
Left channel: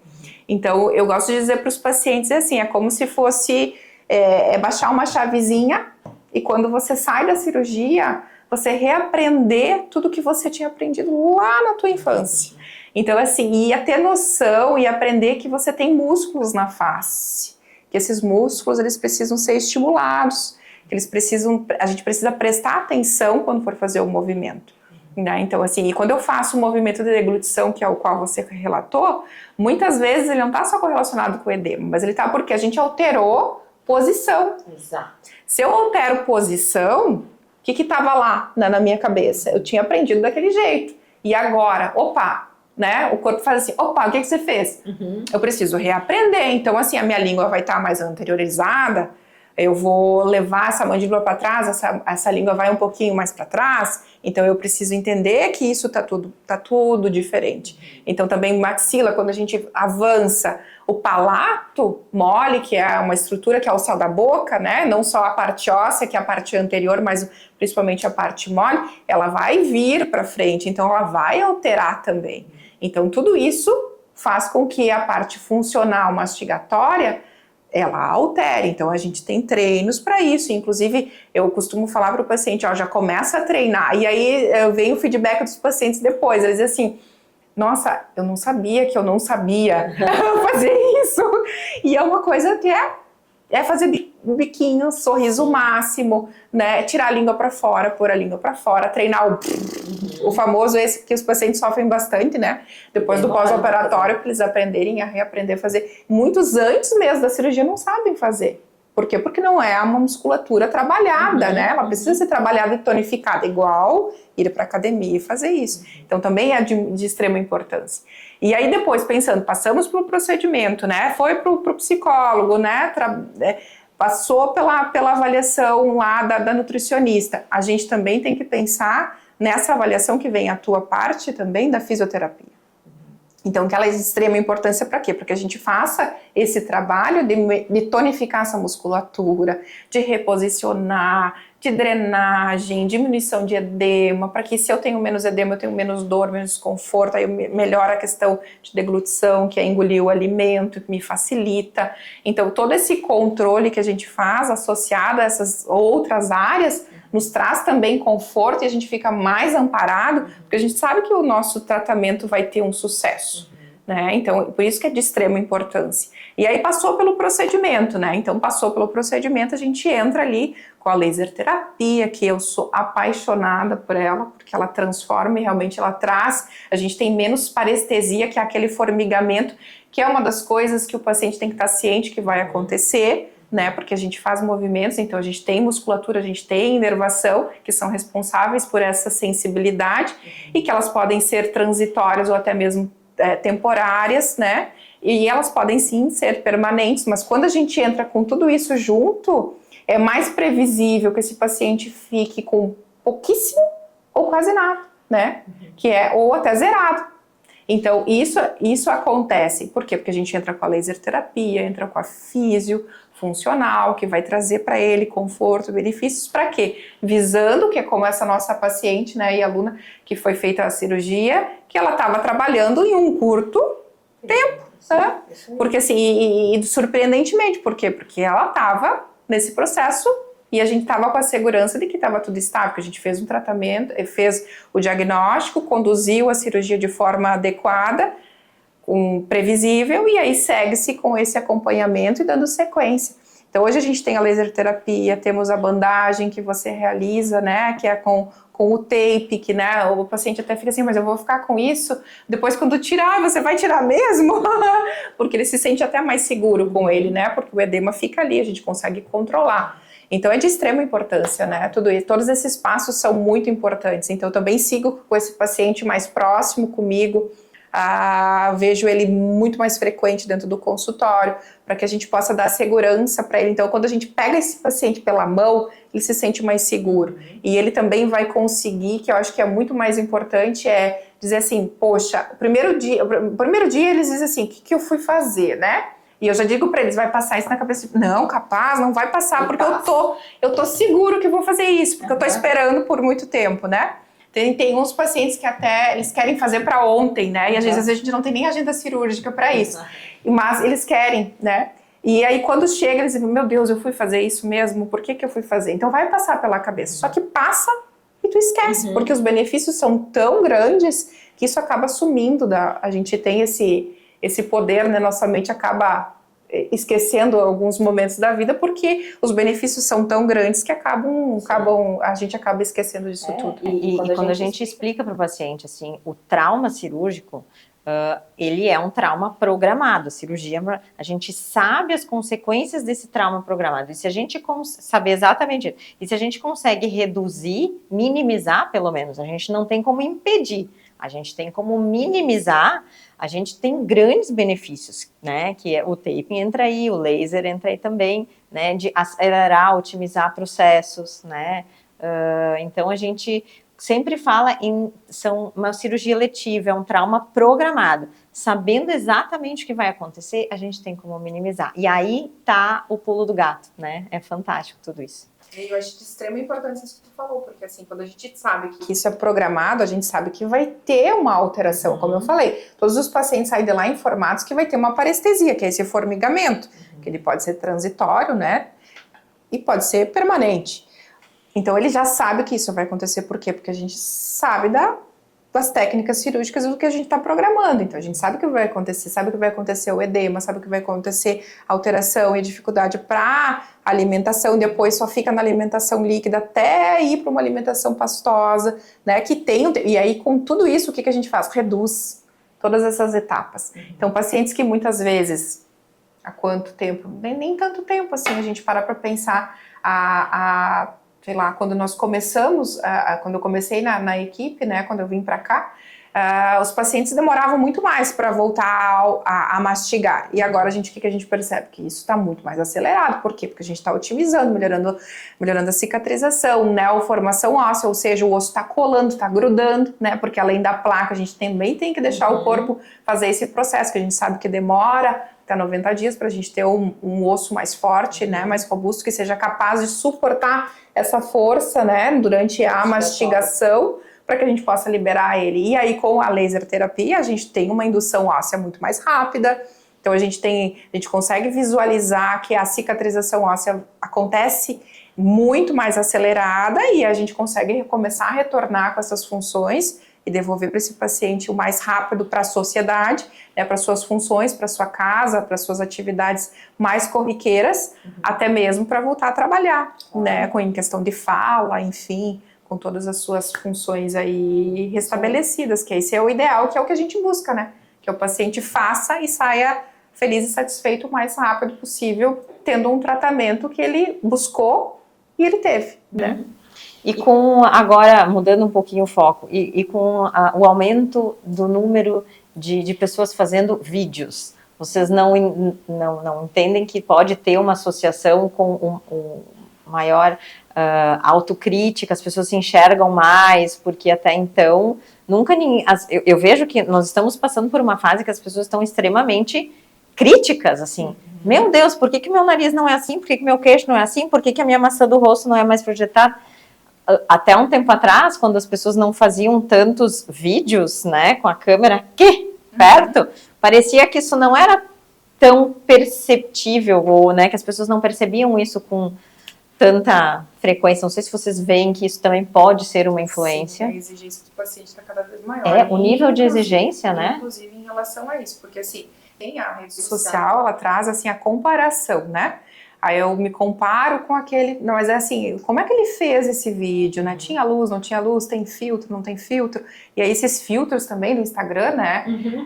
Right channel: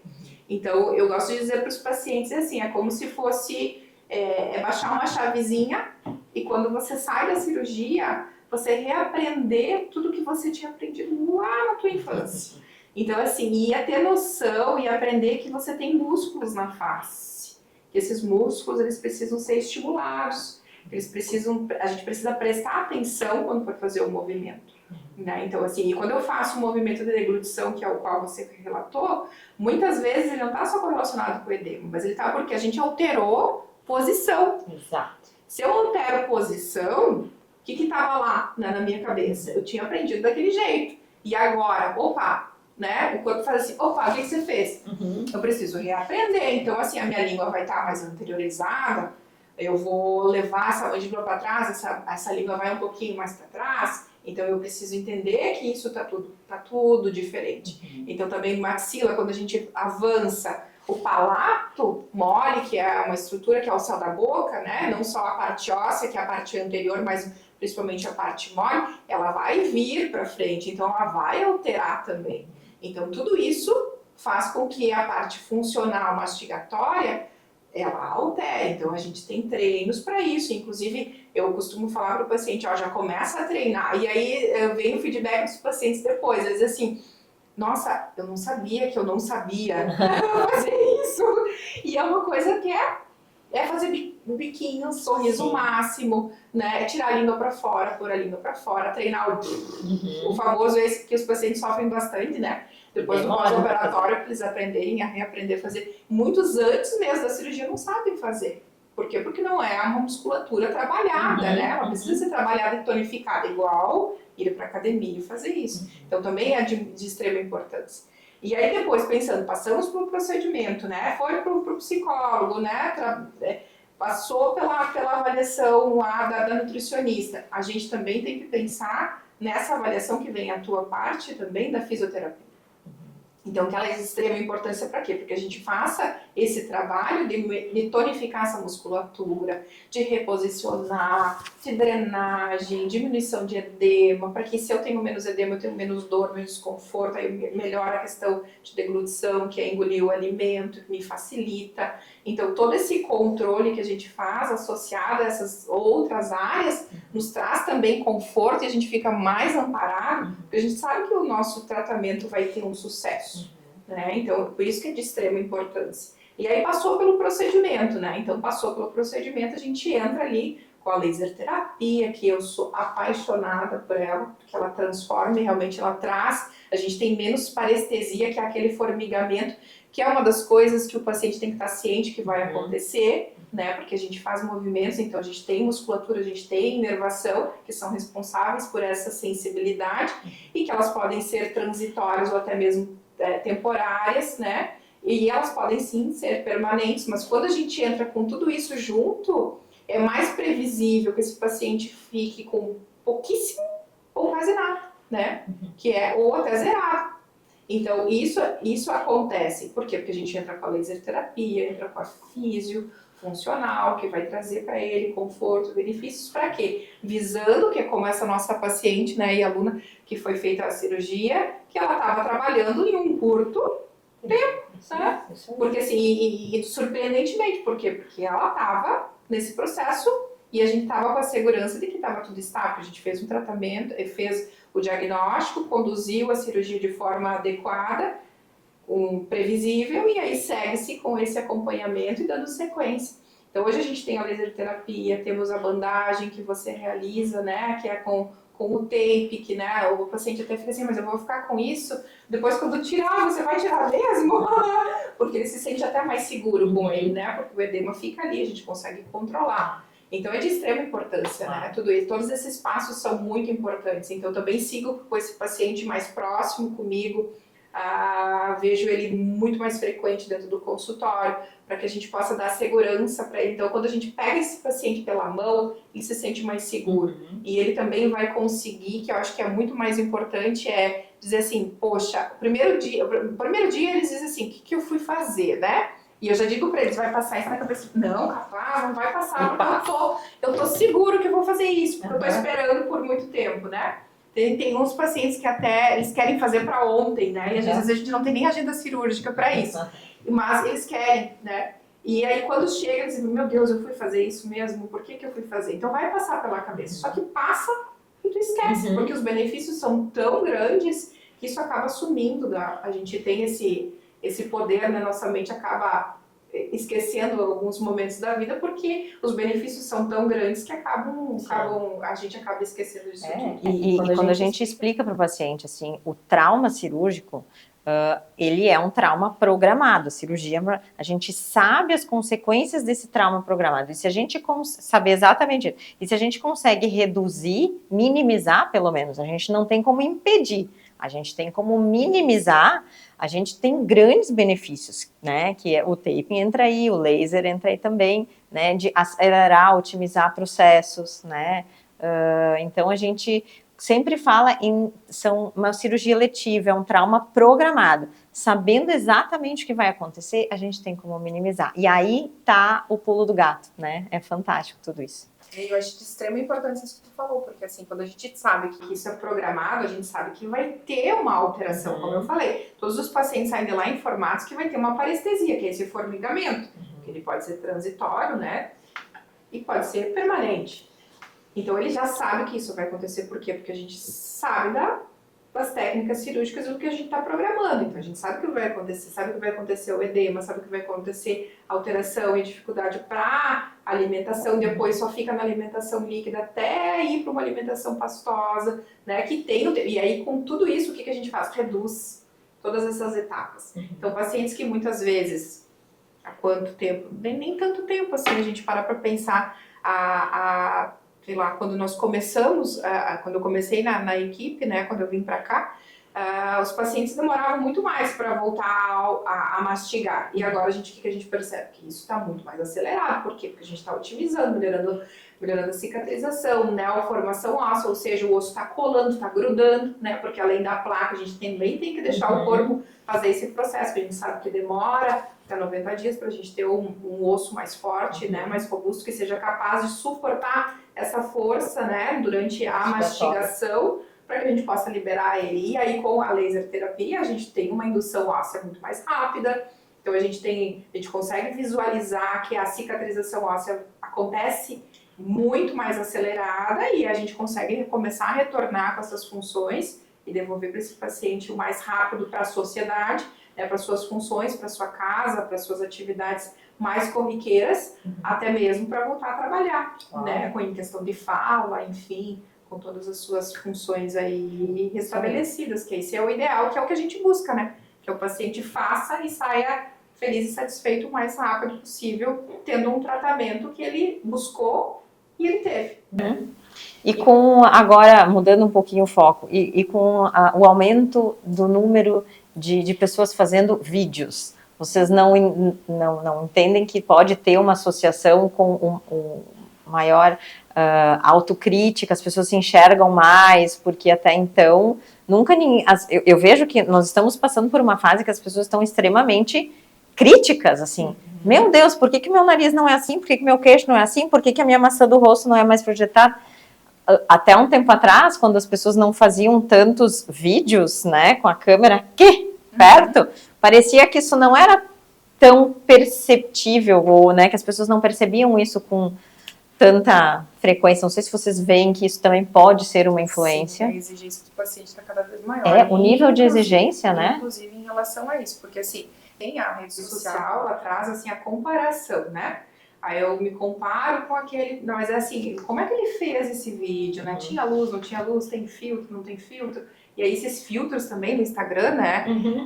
Então, eu gosto de dizer para os pacientes assim, é como se fosse baixar uma chavezinha e quando você sai da cirurgia, você reaprender tudo que você tinha aprendido lá na tua infância. Então, assim, ia ter noção e aprender que você tem músculos na face, que esses músculos, eles precisam ser estimulados, que a gente precisa prestar atenção quando for fazer o movimento. Né? Então, assim, e quando eu faço o movimento de deglutição, que é o qual você relatou, muitas vezes ele não está só correlacionado com o edema, mas ele está porque a gente alterou posição. Exato. Se eu altero posição, o que estava lá na minha cabeça? Eu tinha aprendido daquele jeito. E agora, né? O corpo faz assim, o que você fez? Eu preciso reaprender. Então, assim, a minha língua vai estar mais anteriorizada, eu vou levar essa mandíbula para trás, essa língua vai um pouquinho mais para trás, então eu preciso entender que isso tá tudo diferente. Então também maxila, quando a gente avança, o palato mole, que é uma estrutura que é o céu da boca, né? Não só a parte óssea, que é a parte anterior, mas principalmente a parte mole, ela vai vir para frente, então ela vai alterar também. Então tudo isso faz com que a parte funcional mastigatória ela altere. Então a gente tem treinos para isso, inclusive eu costumo falar para o paciente, já começa a treinar, e aí vem o feedback dos pacientes depois, eles dizem assim, nossa, eu não sabia que eu não sabia fazer isso, e é uma coisa que é fazer biquinho, sorriso máximo, né, tirar a língua para fora, pôr a língua para fora, treinar o famoso esse que os pacientes sofrem bastante, né, depois do pós-operatório, para eles aprenderem a reaprender a fazer. Muitos antes mesmo da cirurgia não sabem fazer, Por quê? Porque não é uma musculatura trabalhada, né? Ela precisa ser trabalhada e tonificada, igual ir para academia e fazer isso. Então, também é de extrema importância. E aí, depois, pensando, passamos para o procedimento, né? Foi para o psicólogo, né? Passou pela avaliação lá da nutricionista. A gente também tem que pensar nessa avaliação que vem a tua parte também da fisioterapia. Então, que ela é de extrema importância para quê? Para que a gente faça esse trabalho de tonificar essa musculatura, de reposicionar, de drenagem, diminuição de edema, para que se eu tenho menos edema, eu tenho menos dor, menos desconforto, aí melhora a questão de deglutição, que é engolir o alimento, que me facilita. Então, todo esse controle que a gente faz, associado a essas outras áreas, nos traz também conforto e a gente fica mais amparado, porque a gente sabe que o nosso tratamento vai ter um sucesso. Né? Então, por isso que é de extrema importância. E aí passou pelo procedimento, né? Então, passou pelo procedimento, a gente entra ali com a laser terapia, que eu sou apaixonada por ela, porque ela transforma e realmente ela traz, a gente tem menos parestesia, que é aquele formigamento, que é uma das coisas que o paciente tem que estar ciente que vai acontecer, né? Porque a gente faz movimentos, então a gente tem musculatura, a gente tem inervação, que são responsáveis por essa sensibilidade, e que elas podem ser transitórias ou até mesmo temporárias, né? E elas podem sim ser permanentes, mas quando a gente entra com tudo isso junto, é mais previsível que esse paciente fique com pouquíssimo ou quase nada, né? Que é ou até zerado. Então, isso acontece. Por quê? Porque a gente entra com a laser terapia, entra com a físio funcional, que vai trazer para ele conforto, benefícios, para quê? Visando que é como essa nossa paciente, né, e aluna que foi feita a cirurgia, que ela estava trabalhando em um curto tempo, né? Porque assim, e surpreendentemente, por quê? Porque ela estava nesse processo e a gente estava com a segurança de que estava tudo estável, que a gente fez um tratamento, fez o diagnóstico, conduziu a cirurgia de forma adequada, previsível, e aí segue-se com esse acompanhamento e dando sequência. Então hoje a gente tem a laser terapia, temos a bandagem que você realiza, né, que é com o tape, que, né, o paciente até fica assim, mas eu vou ficar com isso? Depois quando tirar, você vai tirar mesmo? Porque ele se sente até mais seguro com ele, né, porque o edema fica ali, a gente consegue controlar. Então é de extrema importância, né, tudo isso, todos esses passos são muito importantes. Então eu também sigo com esse paciente mais próximo comigo, vejo ele muito mais frequente dentro do consultório, para que a gente possa dar segurança para ele. Então, quando a gente pega esse paciente pela mão, ele se sente mais seguro. E ele também vai conseguir, que eu acho que é muito mais importante, é dizer assim, poxa, o primeiro dia eles dizem assim, o que eu fui fazer, né? E eu já digo para eles, vai passar isso na cabeça. Não, capaz, não vai passar, porque eu tô seguro que vou fazer isso, porque eu tô esperando por muito tempo, né? Tem uns pacientes que até eles querem fazer para ontem, né? E às vezes a gente não tem nem agenda cirúrgica para isso. Mas eles querem, né? E aí quando chega, eles dizem, meu Deus, eu fui fazer isso mesmo? Por que eu fui fazer? Então vai passar pela cabeça. Só que passa e tu esquece, porque os benefícios são tão grandes que isso acaba sumindo. A gente tem esse poder, né? Nossa mente acaba esquecendo alguns momentos da vida porque os benefícios são tão grandes que a gente acaba esquecendo disso tudo. E quando a gente explica para o paciente assim, o trauma cirúrgico, ele é um trauma programado. A cirurgia, a gente sabe as consequências desse trauma programado. E se a gente saber exatamente isso, e se a gente consegue reduzir, minimizar pelo menos, a gente não tem como impedir, a gente tem como minimizar, a gente tem grandes benefícios, né? Que é o taping entra aí, o laser entra aí também, né? De acelerar, otimizar processos, né? Então a gente sempre fala são uma cirurgia letiva, é um trauma programado. Sabendo exatamente o que vai acontecer, a gente tem como minimizar. E aí tá o pulo do gato, né? É fantástico tudo isso. Eu acho de extrema importância isso que tu falou, porque assim, quando a gente sabe que isso é programado, a gente sabe que vai ter uma alteração, como eu falei. Todos os pacientes saem de lá informados que vai ter uma parestesia, que é esse formigamento, que ele pode ser transitório, né? E pode ser permanente. Então ele já sabe que isso vai acontecer, por quê? Porque a gente sabe das técnicas cirúrgicas do que a gente está programando. Então a gente sabe o que vai acontecer, sabe que vai acontecer o edema, sabe que vai acontecer alteração e dificuldade para alimentação, depois só fica na alimentação líquida até ir para uma alimentação pastosa, né? E aí com tudo isso, o que a gente faz? Reduz todas essas etapas. Então pacientes que muitas vezes há quanto tempo? Nem tanto tempo assim, a gente para pensar sei lá, quando nós começamos, quando eu comecei na equipe, né, quando eu vim para cá, os pacientes demoravam muito mais para voltar a mastigar. E agora o que a gente percebe? Que isso está muito mais acelerado. Por quê? Porque a gente está otimizando, melhorando a cicatrização, neoformação óssea, ou seja, o osso está colando, está grudando, né? Porque além da placa, a gente também tem que deixar o corpo fazer esse processo, que a gente sabe que demora até 90 dias para a gente ter um osso mais forte, né? Mais robusto, que seja capaz de suportar essa força, né? Durante a mastigação, para que a gente possa liberar ele. E aí, com a laser terapia, a gente tem uma indução óssea muito mais rápida. Então, a gente consegue visualizar que a cicatrização óssea acontece muito mais acelerada e a gente consegue começar a retornar com essas funções e devolver para esse paciente o mais rápido para a sociedade, né, para suas funções, para sua casa, para suas atividades mais corriqueiras, até mesmo para voltar a trabalhar, né, em questão de fala, enfim, com todas as suas funções aí restabelecidas, que esse é o ideal, que é o que a gente busca, né? Que o paciente faça e saia feliz e satisfeito o mais rápido possível, tendo um tratamento que ele buscou e ele teve, né? E com, agora, mudando um pouquinho o foco, e com o aumento do número de pessoas fazendo vídeos, vocês não entendem que pode ter uma associação com maior autocrítica, as pessoas se enxergam mais, porque até então, nunca ninguém... Eu vejo que nós estamos passando por uma fase que as pessoas estão extremamente críticas, assim. Meu Deus, por que meu nariz não é assim? Por que meu queixo não é assim? Por que a minha maçã do rosto não é mais projetada? Até um tempo atrás, quando as pessoas não faziam tantos vídeos, né, com a câmera aqui perto, parecia que isso não era tão perceptível, ou, né, que as pessoas não percebiam isso com tanta frequência. Não sei se vocês veem que isso também pode ser uma influência. Sim, a exigência do paciente está cada vez maior. O nível de exigência, né? Inclusive em relação a isso, porque assim, tem a rede social, ela traz assim a comparação, né? Aí eu me comparo com aquele... Não, mas é assim, como é que ele fez esse vídeo, né? Tinha luz, não tinha luz, tem filtro, não tem filtro? E aí esses filtros também no Instagram, né?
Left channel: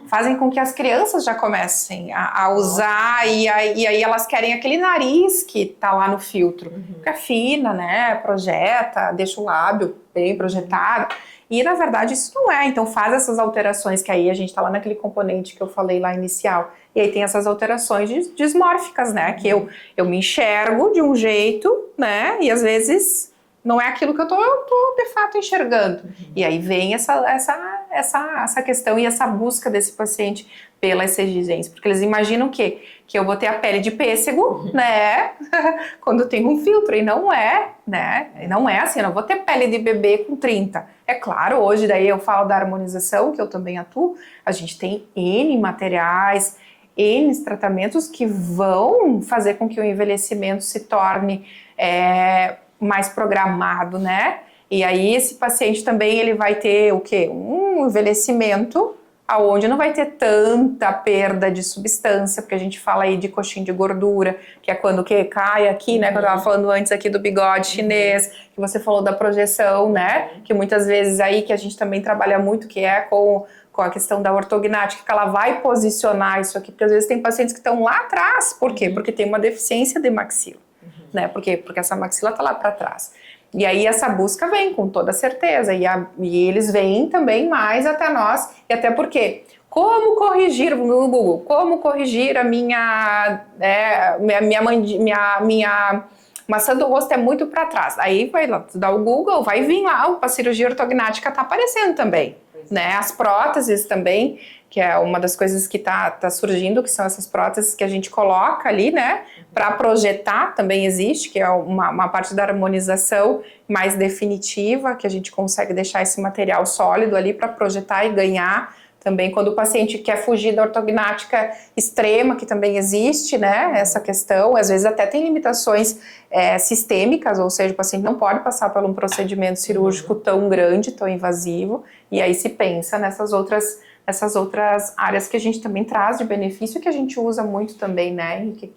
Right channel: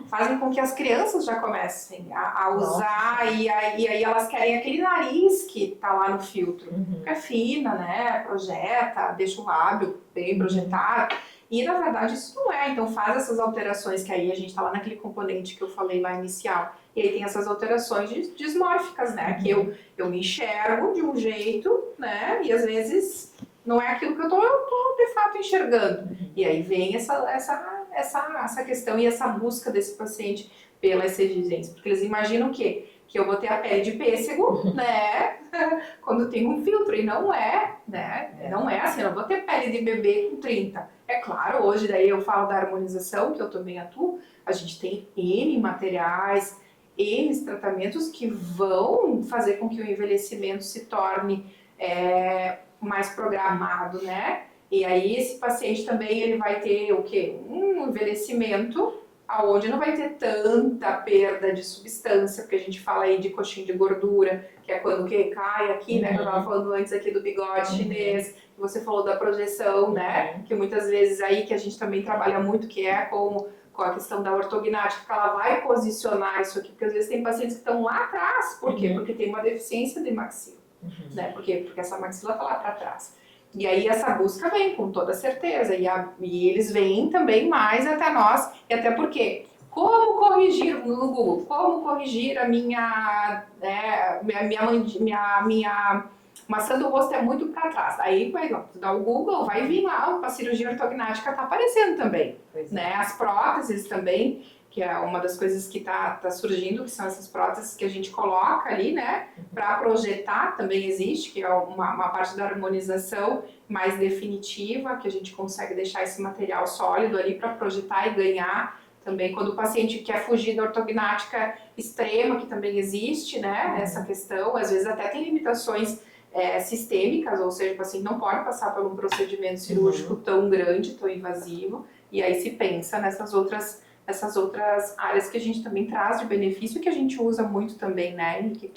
Fazem com que as crianças já comecem a usar e aí elas querem aquele nariz que tá lá no filtro. Fica fina, né? Projeta, deixa o lábio bem projetado. E, na verdade, isso não é. Então, faz essas alterações, que aí a gente tá lá naquele componente que eu falei lá inicial. E aí tem essas alterações dismórficas, né? Que eu me enxergo de um jeito, né? E, às vezes, não é aquilo que eu tô de fato, enxergando. E aí vem essa questão e essa busca desse paciente pela essa exigência. Porque eles imaginam que eu vou ter a pele de pêssego, né? Quando tem um filtro. E não é, né? E não é assim, eu não vou ter pele de bebê com 30. É claro, hoje daí eu falo da harmonização, que eu também atuo, a gente tem N materiais, N tratamentos que vão fazer com que o envelhecimento se torne mais programado, né? E aí esse paciente também ele vai ter o quê? Um envelhecimento aonde não vai ter tanta perda de substância, porque a gente fala aí de coxinha de gordura, que é quando que cai aqui, né? Que eu tava falando antes aqui do bigode chinês, que você falou da projeção, né? Que muitas vezes aí que a gente também trabalha muito, que é com a questão da ortognática, que ela vai posicionar isso aqui, porque às vezes tem pacientes que estão lá atrás. Por quê? Porque tem uma deficiência de maxila, né? Por quê? Porque essa maxila tá lá para trás. E aí essa busca vem com toda certeza, e eles vêm também mais até nós, e até porque, como corrigir, no Google, como corrigir a minha maçã do rosto é muito para trás. Aí vai lá, tu dá o Google, vai vir lá, a cirurgia ortognática tá aparecendo também, né? As próteses também, que é uma das coisas que tá surgindo, que são essas próteses que a gente coloca ali, né? Para projetar também existe, que é uma parte da harmonização mais definitiva, que a gente consegue deixar esse material sólido ali para projetar e ganhar. Também quando o paciente quer fugir da ortognática extrema, que também existe, né, essa questão, às vezes até tem limitações sistêmicas, ou seja, o paciente não pode passar por um procedimento cirúrgico tão grande, tão invasivo, e aí se pensa nessas outras áreas que a gente também traz de benefício, que a gente usa muito também, né, Henrique?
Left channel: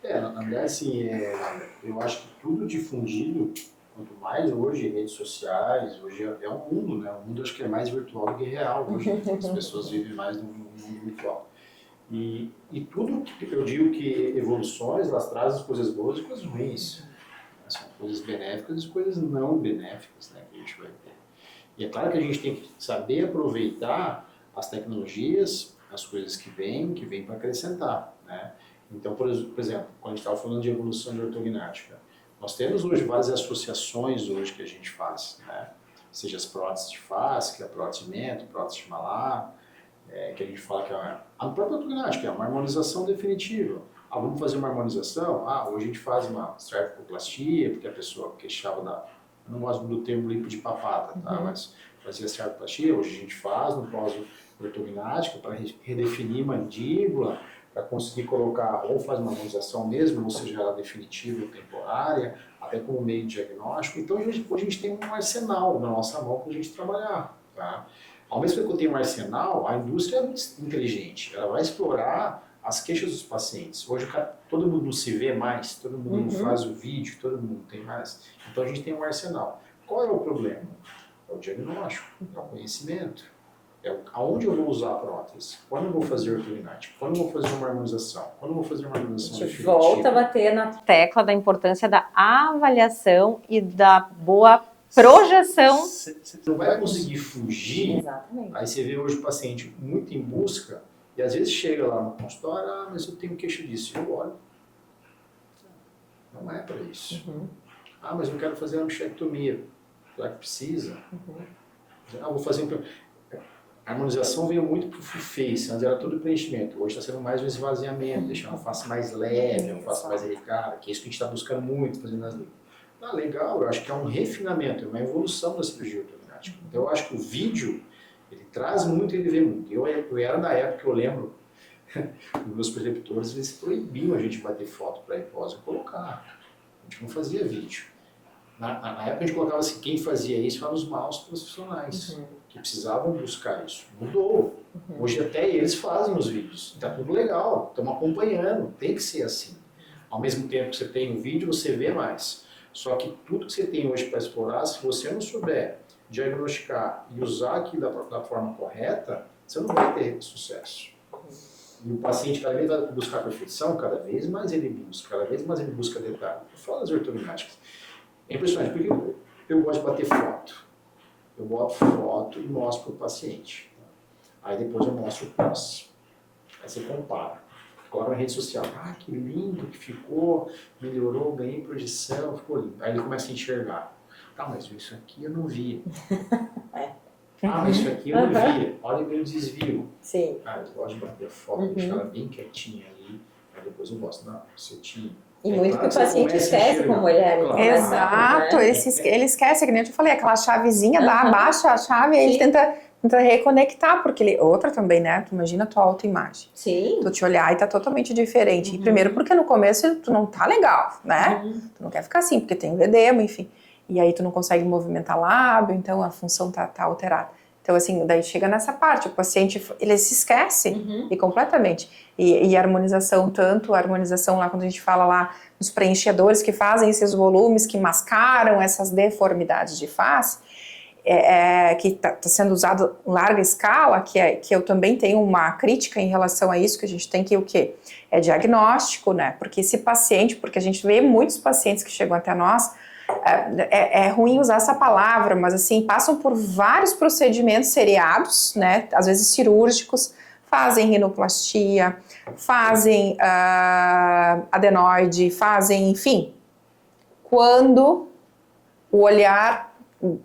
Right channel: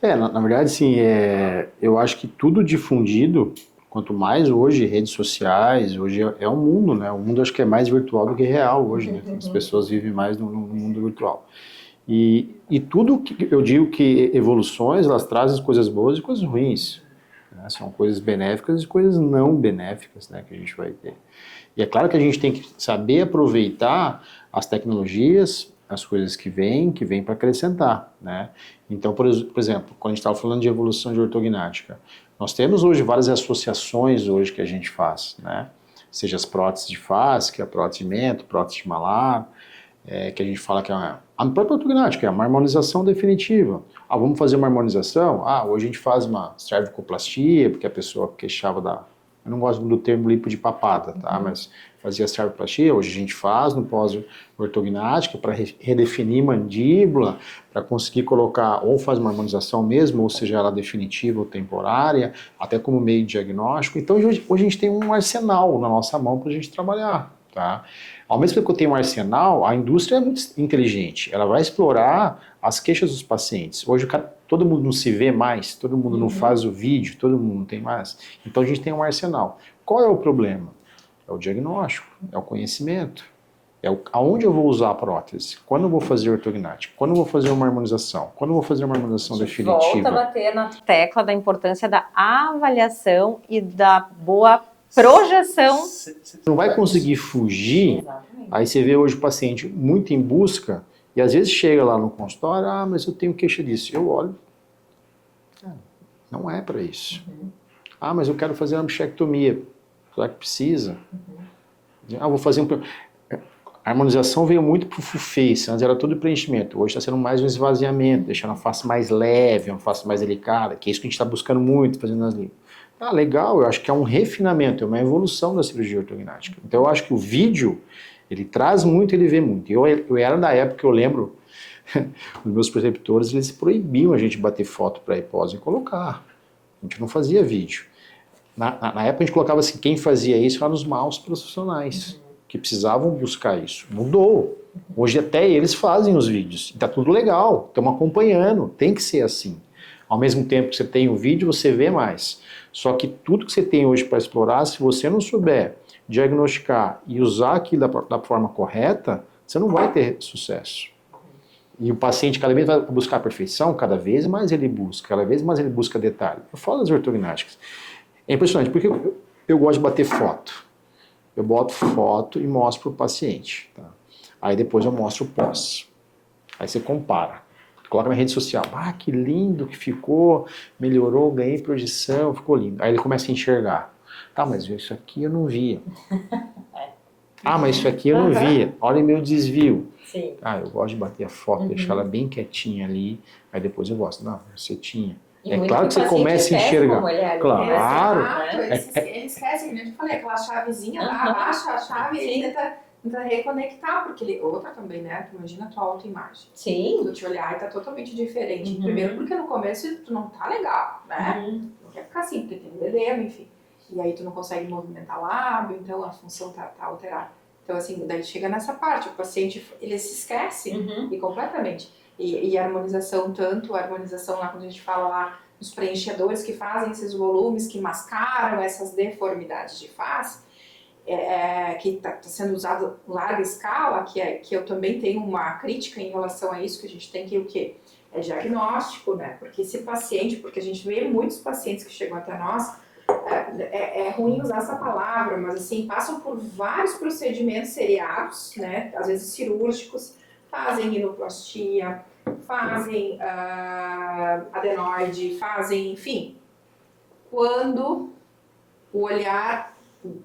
Na verdade, sim, eu acho que tudo difundido, quanto mais hoje, redes sociais, hoje é um mundo, né? O mundo acho que é mais virtual do que real hoje, né? As pessoas vivem mais no mundo virtual. E tudo que eu digo que evoluções, elas trazem coisas boas e coisas ruins. Né? São coisas benéficas e coisas não benéficas, né, que a gente vai ter. E é claro que a gente tem que saber aproveitar as tecnologias, as coisas que vêm para acrescentar, né? Então, por exemplo, quando a gente estava falando de evolução de ortognática, nós temos hoje várias associações hoje que a gente faz, né? Seja as próteses de face, que é a prótese de mento, prótese de malar, que a gente fala que é a própria ortognática, é uma harmonização definitiva. Ah, vamos fazer uma harmonização? Ah, hoje a gente faz uma cervicoplastia, porque a pessoa queixava da... Eu não gosto do termo lipo de papada, tá? Mas fazia cervicoplastia, hoje a gente faz no pós-ortognática para redefinir mandíbula, para conseguir colocar, ou faz uma harmonização mesmo, ou seja, ela definitiva ou temporária, até como meio de diagnóstico. Então hoje a gente tem um arsenal na nossa mão para a gente trabalhar, tá? Ao mesmo tempo que eu tenho um arsenal, a indústria é muito inteligente. Ela vai explorar as queixas dos pacientes. Hoje todo mundo não se vê mais, todo mundo não faz o vídeo, todo mundo não tem mais. Então a gente tem um arsenal. Qual é o problema? É o diagnóstico, é o conhecimento. Aonde eu vou usar a prótese? Quando eu vou fazer ortognática? Quando eu vou fazer uma harmonização? Quando eu vou fazer uma harmonização definitiva? Volta a bater na tecla da importância da avaliação e da boa projeção. Você não vai conseguir fugir. Exatamente. Aí você vê hoje o paciente muito em busca e às vezes chega lá no consultório, mas eu tenho queixa disso. Eu olho, não é para isso. Mas eu quero fazer uma bichectomia. Será que precisa? Vou fazer um... A harmonização veio muito para o full face, antes era tudo preenchimento, hoje está sendo mais um esvaziamento, deixando a face mais leve, uma face mais delicada, que é isso que a gente está buscando muito, fazendo nas limpas. Legal, eu acho que é um refinamento, é uma evolução da cirurgia ortognática. Então eu acho que o vídeo, ele traz muito, ele vê muito. Eu era da época que eu lembro, os meus preceptores, eles proibiam a gente bater foto para pós e colocar. A gente não fazia vídeo. Na época a gente colocava assim, quem fazia isso eram os maus profissionais, que precisavam buscar isso. Mudou. Hoje até eles fazem os vídeos. Está tudo legal, estamos acompanhando, tem que ser assim. Ao mesmo tempo que você tem o vídeo, você vê mais. Só que tudo que você tem hoje para explorar, se você não souber diagnosticar e usar aquilo da forma correta, você não vai ter sucesso. E o paciente cada vez vai buscar a perfeição, cada vez mais ele busca detalhe. Eu falo das ortognáticas. É impressionante, porque eu gosto de bater foto. Eu boto foto e mostro para o paciente. Tá? Aí depois eu mostro o pós. Aí você compara. Coloca na rede social. Que lindo que ficou, melhorou, ganhei projeção, ficou lindo. Aí ele começa a enxergar. Mas isso aqui eu não via. Mas isso aqui eu não via. Olha meu desvio. Sim. Eu gosto de bater a foto, deixar ela bem quietinha ali. Aí depois eu gosto. Não, você tinha. E é muito claro que você começa a enxergar. Como mulher, claro. Exato, ele esquece, que nem eu te falei, aquela chavezinha, abaixa a chave e ele tenta reconectar, porque outra também, né? Tu imagina a tua autoimagem. Sim. Tu te olhar e tá totalmente diferente. Primeiro porque no começo tu não tá legal, né? Tu não quer ficar assim, porque tem edema, enfim. E aí tu não consegue movimentar lábio, então a função tá alterada. Então, assim, daí chega nessa parte, o paciente, ele se esquece e completamente. E a harmonização, tanto a harmonização lá, quando a gente fala lá nos preenchedores que fazem esses volumes, que mascaram essas deformidades de face, que está sendo usado em larga escala, que eu também tenho uma crítica em relação a isso, que a gente tem que o quê? É diagnóstico, né? Porque esse paciente, porque a gente vê muitos pacientes que chegam até nós, é ruim usar essa palavra, mas assim, passam por vários procedimentos seriados, né? Às vezes cirúrgicos, fazem rinoplastia, fazem adenoide, fazem, enfim. Quando o olhar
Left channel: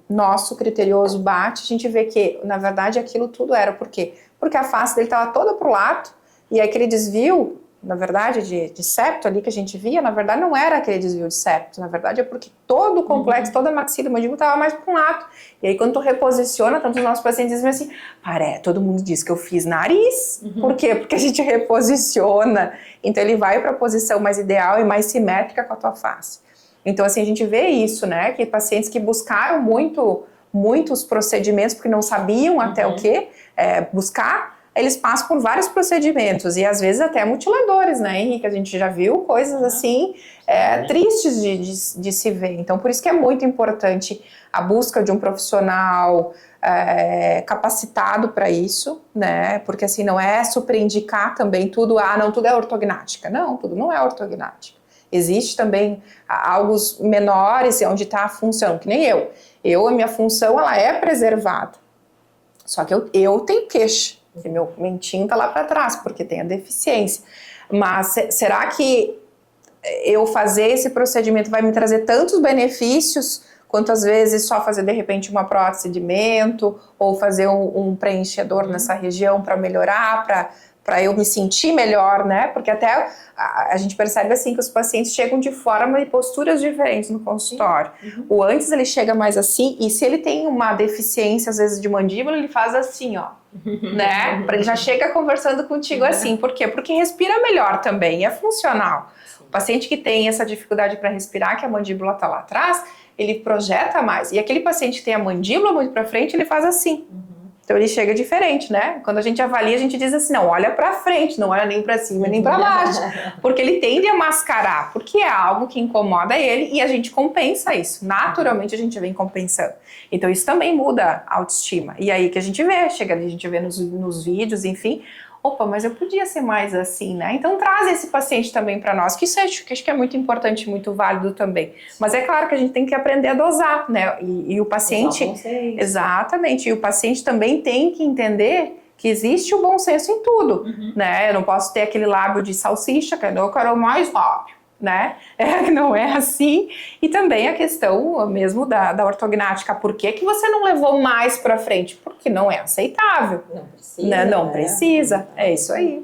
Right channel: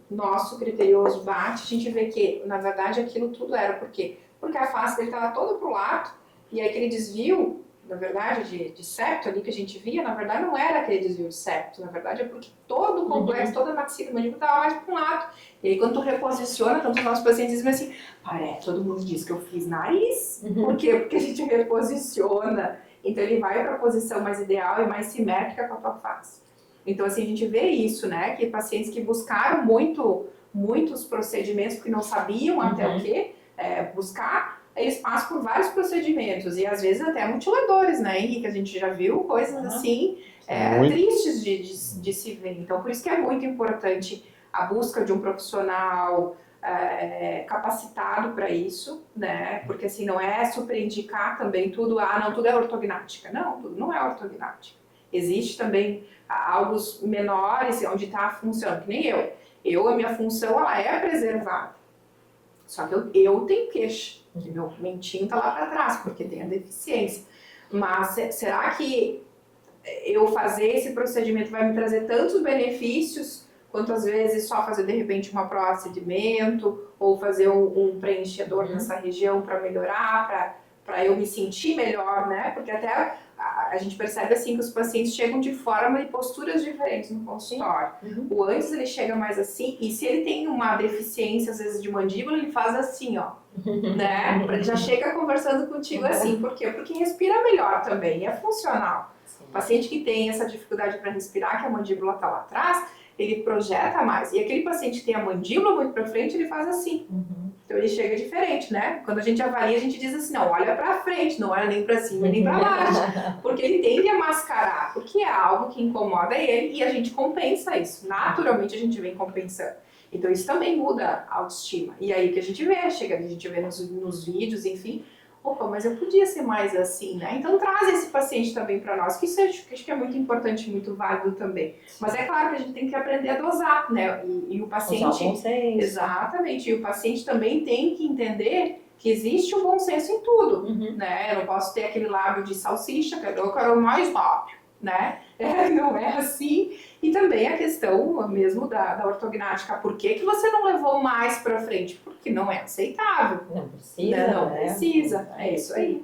nosso criterioso bate, a gente vê que, na verdade, aquilo tudo era por quê? Porque a face dele estava toda pro lado, e aquele desvio, na verdade, de septo ali que a gente via, na verdade não era aquele desvio de septo, na verdade é porque todo o complexo, toda a maxila e mandíbula estava mais para um lado. E aí quando tu reposiciona, tanto os nossos pacientes dizem assim, todo mundo diz que eu fiz nariz. Por quê? Porque a gente reposiciona. Então ele vai para a posição mais ideal e mais simétrica com a tua face. Então assim, a gente vê isso, né? Que pacientes que buscaram muitos procedimentos porque não sabiam até o que buscar, eles passam por vários procedimentos e às vezes até mutiladores, né, Henrique? A gente já viu coisas assim tristes de se ver. Então, por isso que é muito importante a busca de um profissional capacitado para isso, né? Porque assim, não é superindicar também tudo, não, tudo é ortognática. Não, tudo não é ortognática. Existe também algo menores onde está a função, que nem eu. A minha função, ela é preservada. Só que eu tenho queixa, porque meu mentinho tá lá para trás, porque tem a deficiência. Mas será que eu fazer esse procedimento vai me trazer tantos benefícios quanto às vezes só fazer de repente uma prótese de mento ou fazer um preenchedor nessa região para melhorar, para eu me sentir melhor, né? Porque até a gente percebe assim que os pacientes chegam de forma e posturas diferentes no consultório. O antes ele chega mais assim, e se ele tem uma deficiência às vezes de mandíbula, ele faz assim, ó, né? Ele já chega conversando contigo assim. Por quê? Porque respira melhor também, é funcional. O paciente que tem essa dificuldade para respirar, que a mandíbula tá lá atrás, ele projeta mais. E aquele paciente que tem a mandíbula muito para frente, ele faz assim. Então ele chega diferente, né? Quando a gente avalia, a gente diz assim, não, olha para frente, não olha nem para cima nem para baixo, porque ele tende a mascarar, porque é algo que incomoda ele e a gente compensa isso. Naturalmente a gente vem compensando. Então isso também muda a autoestima. E aí que a gente vê, chega ali, a gente vê nos vídeos, enfim, opa, mas eu podia ser mais assim, né? Então traz esse paciente também para nós, que isso acho que é muito importante, muito válido também. Mas é claro que a gente tem que aprender a dosar, né? E o paciente... Exatamente. E o paciente também tem que entender que existe o bom senso em tudo, né? Eu não posso ter aquele lábio de salsicha, que eu quero mais rápido, né? Não é assim. E também a questão mesmo da ortognática. Por que você não levou mais para frente? Porque não é aceitável. Não precisa. Né? Não precisa. É isso aí.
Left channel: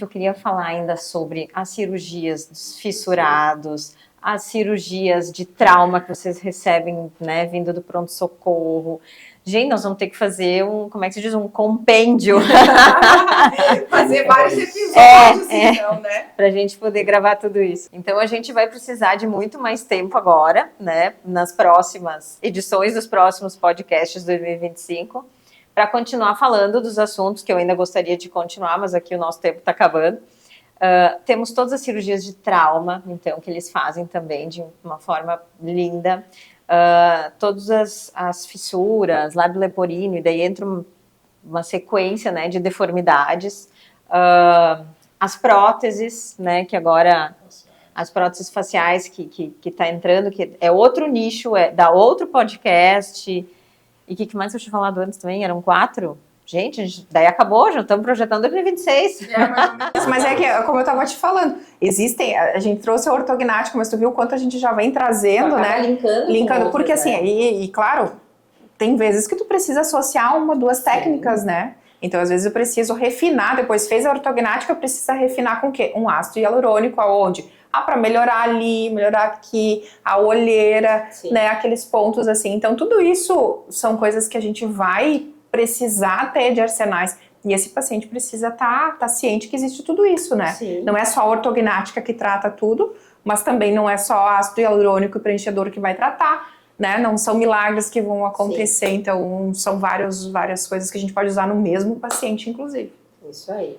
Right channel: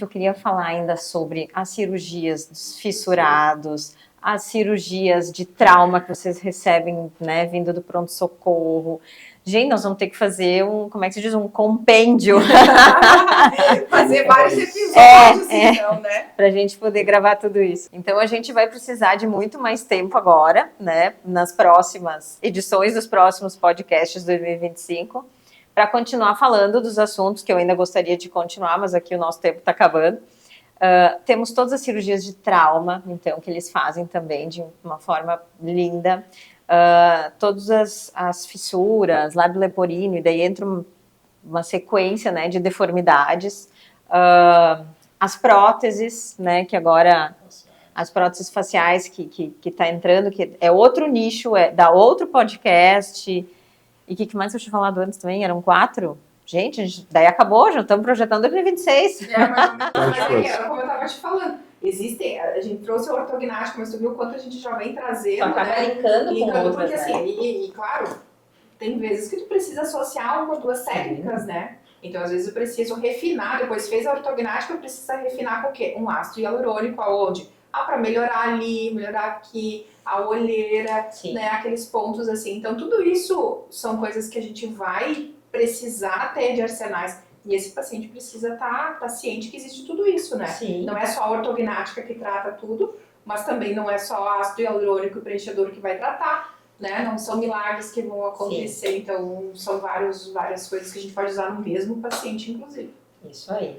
Eu queria falar ainda sobre as cirurgias dos fissurados, as cirurgias de trauma que vocês recebem, né, vindo do pronto-socorro. Gente, nós vamos ter que fazer como é que se diz? Um compêndio. Fazer vários episódios, então, né? Pra gente poder gravar tudo isso. Então, a gente vai precisar de muito mais tempo agora, né? Nas próximas edições dos próximos podcasts de 2025, para continuar falando dos assuntos que eu ainda gostaria de continuar, mas aqui o nosso tempo está acabando. Temos todas as cirurgias de trauma, então, que eles fazem também de uma forma linda. Todas as fissuras, lábio leporino, e daí entra uma sequência, né, de deformidades. As próteses, né, que agora... As próteses faciais que tá entrando, que é outro nicho, da outro podcast. E o que mais eu tinha falado antes também? Eram 4? Gente, daí acabou, já estamos projetando 2026. Mas é que, como eu estava te falando, a gente trouxe a ortognática, mas tu viu o quanto a gente já vem trazendo, né? Linkando, porque assim, e claro, tem vezes que tu precisa associar uma, 2 técnicas, né? Então, às vezes eu preciso refinar, depois fez a ortognática, precisa refinar com o quê? Um ácido hialurônico, aonde? Para melhorar ali, melhorar aqui, a olheira, né? Aqueles pontos assim. Então, tudo isso são coisas que a gente vai precisar ter de arsenais. E esse paciente precisa tá ciente que existe tudo isso, né? Sim. Não é só a ortognática que trata tudo, mas também não é só ácido hialurônico e preenchedor que vai tratar, né? Não são milagres que vão acontecer. Sim. Então, são várias coisas que a gente pode usar no mesmo paciente, inclusive. Isso aí.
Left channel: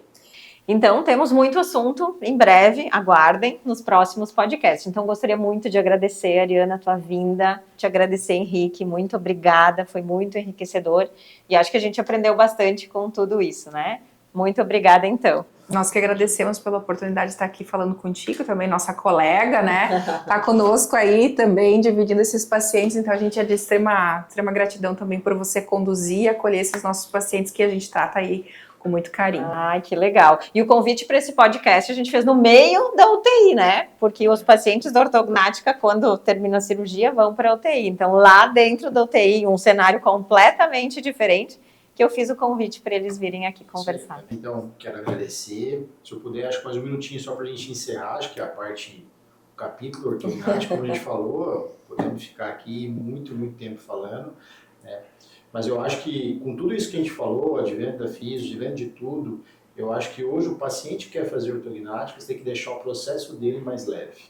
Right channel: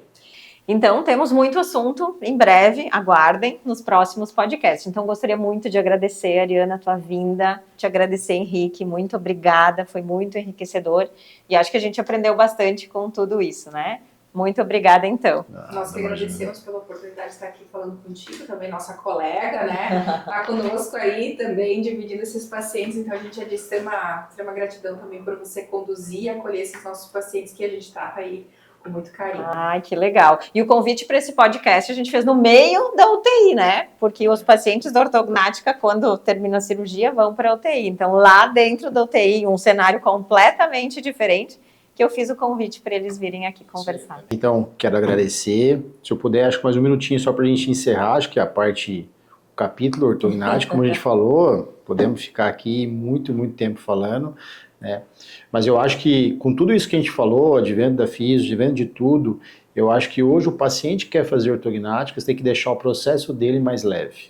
Então, temos muito assunto, em breve, aguardem, nos próximos podcasts. Então, gostaria muito de agradecer, Ariana, a tua vinda, te agradecer, Henrique, muito obrigada, foi muito enriquecedor, e acho que a gente aprendeu bastante com tudo isso, né? Muito obrigada, então. Nós que agradecemos pela oportunidade de estar aqui falando contigo, também nossa colega, né? Tá conosco aí também, dividindo esses pacientes, então a gente é de extrema gratidão também por você conduzir e acolher esses nossos pacientes que a gente trata aí com muito carinho. Ai, que legal. E o convite para esse podcast a gente fez no meio da UTI, né? Porque os pacientes da ortognática, quando terminam a cirurgia, vão para a UTI. Então, lá dentro da UTI, um cenário completamente diferente, que eu fiz o convite para eles virem aqui conversar. Então, quero agradecer. Se eu puder, acho que mais um minutinho só para a gente encerrar, acho que é o capítulo ortognático, como a gente falou, podemos ficar aqui muito tempo falando, né? Mas eu acho que com tudo isso que a gente falou, advento da físio, advento de tudo, eu acho que hoje o paciente que quer fazer ortognática, você tem que deixar o processo dele mais leve.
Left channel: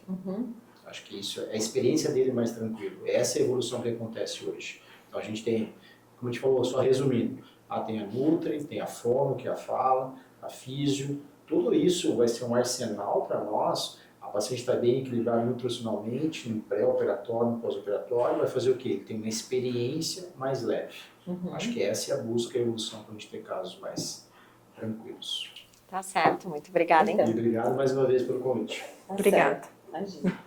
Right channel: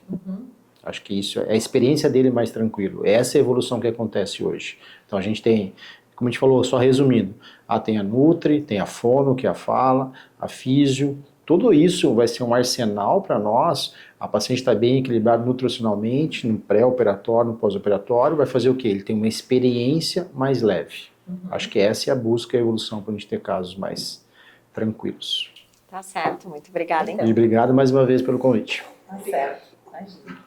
Acho que isso é a experiência dele mais tranquilo. Essa é a evolução que acontece hoje. Então a gente tem como a gente falou, só resumindo, tem a Nutri, tem a Fono, que é a fala, a Físio, tudo isso vai ser um arsenal para nós. A paciente está bem equilibrada nutricionalmente, no pré-operatório, no pós-operatório, vai fazer o quê? Ele tem uma experiência mais leve. Acho que essa é a busca e a evolução para a gente ter casos mais tranquilos. Tá certo, muito obrigada, então. E obrigado mais uma vez pelo convite. Obrigada. Imagina.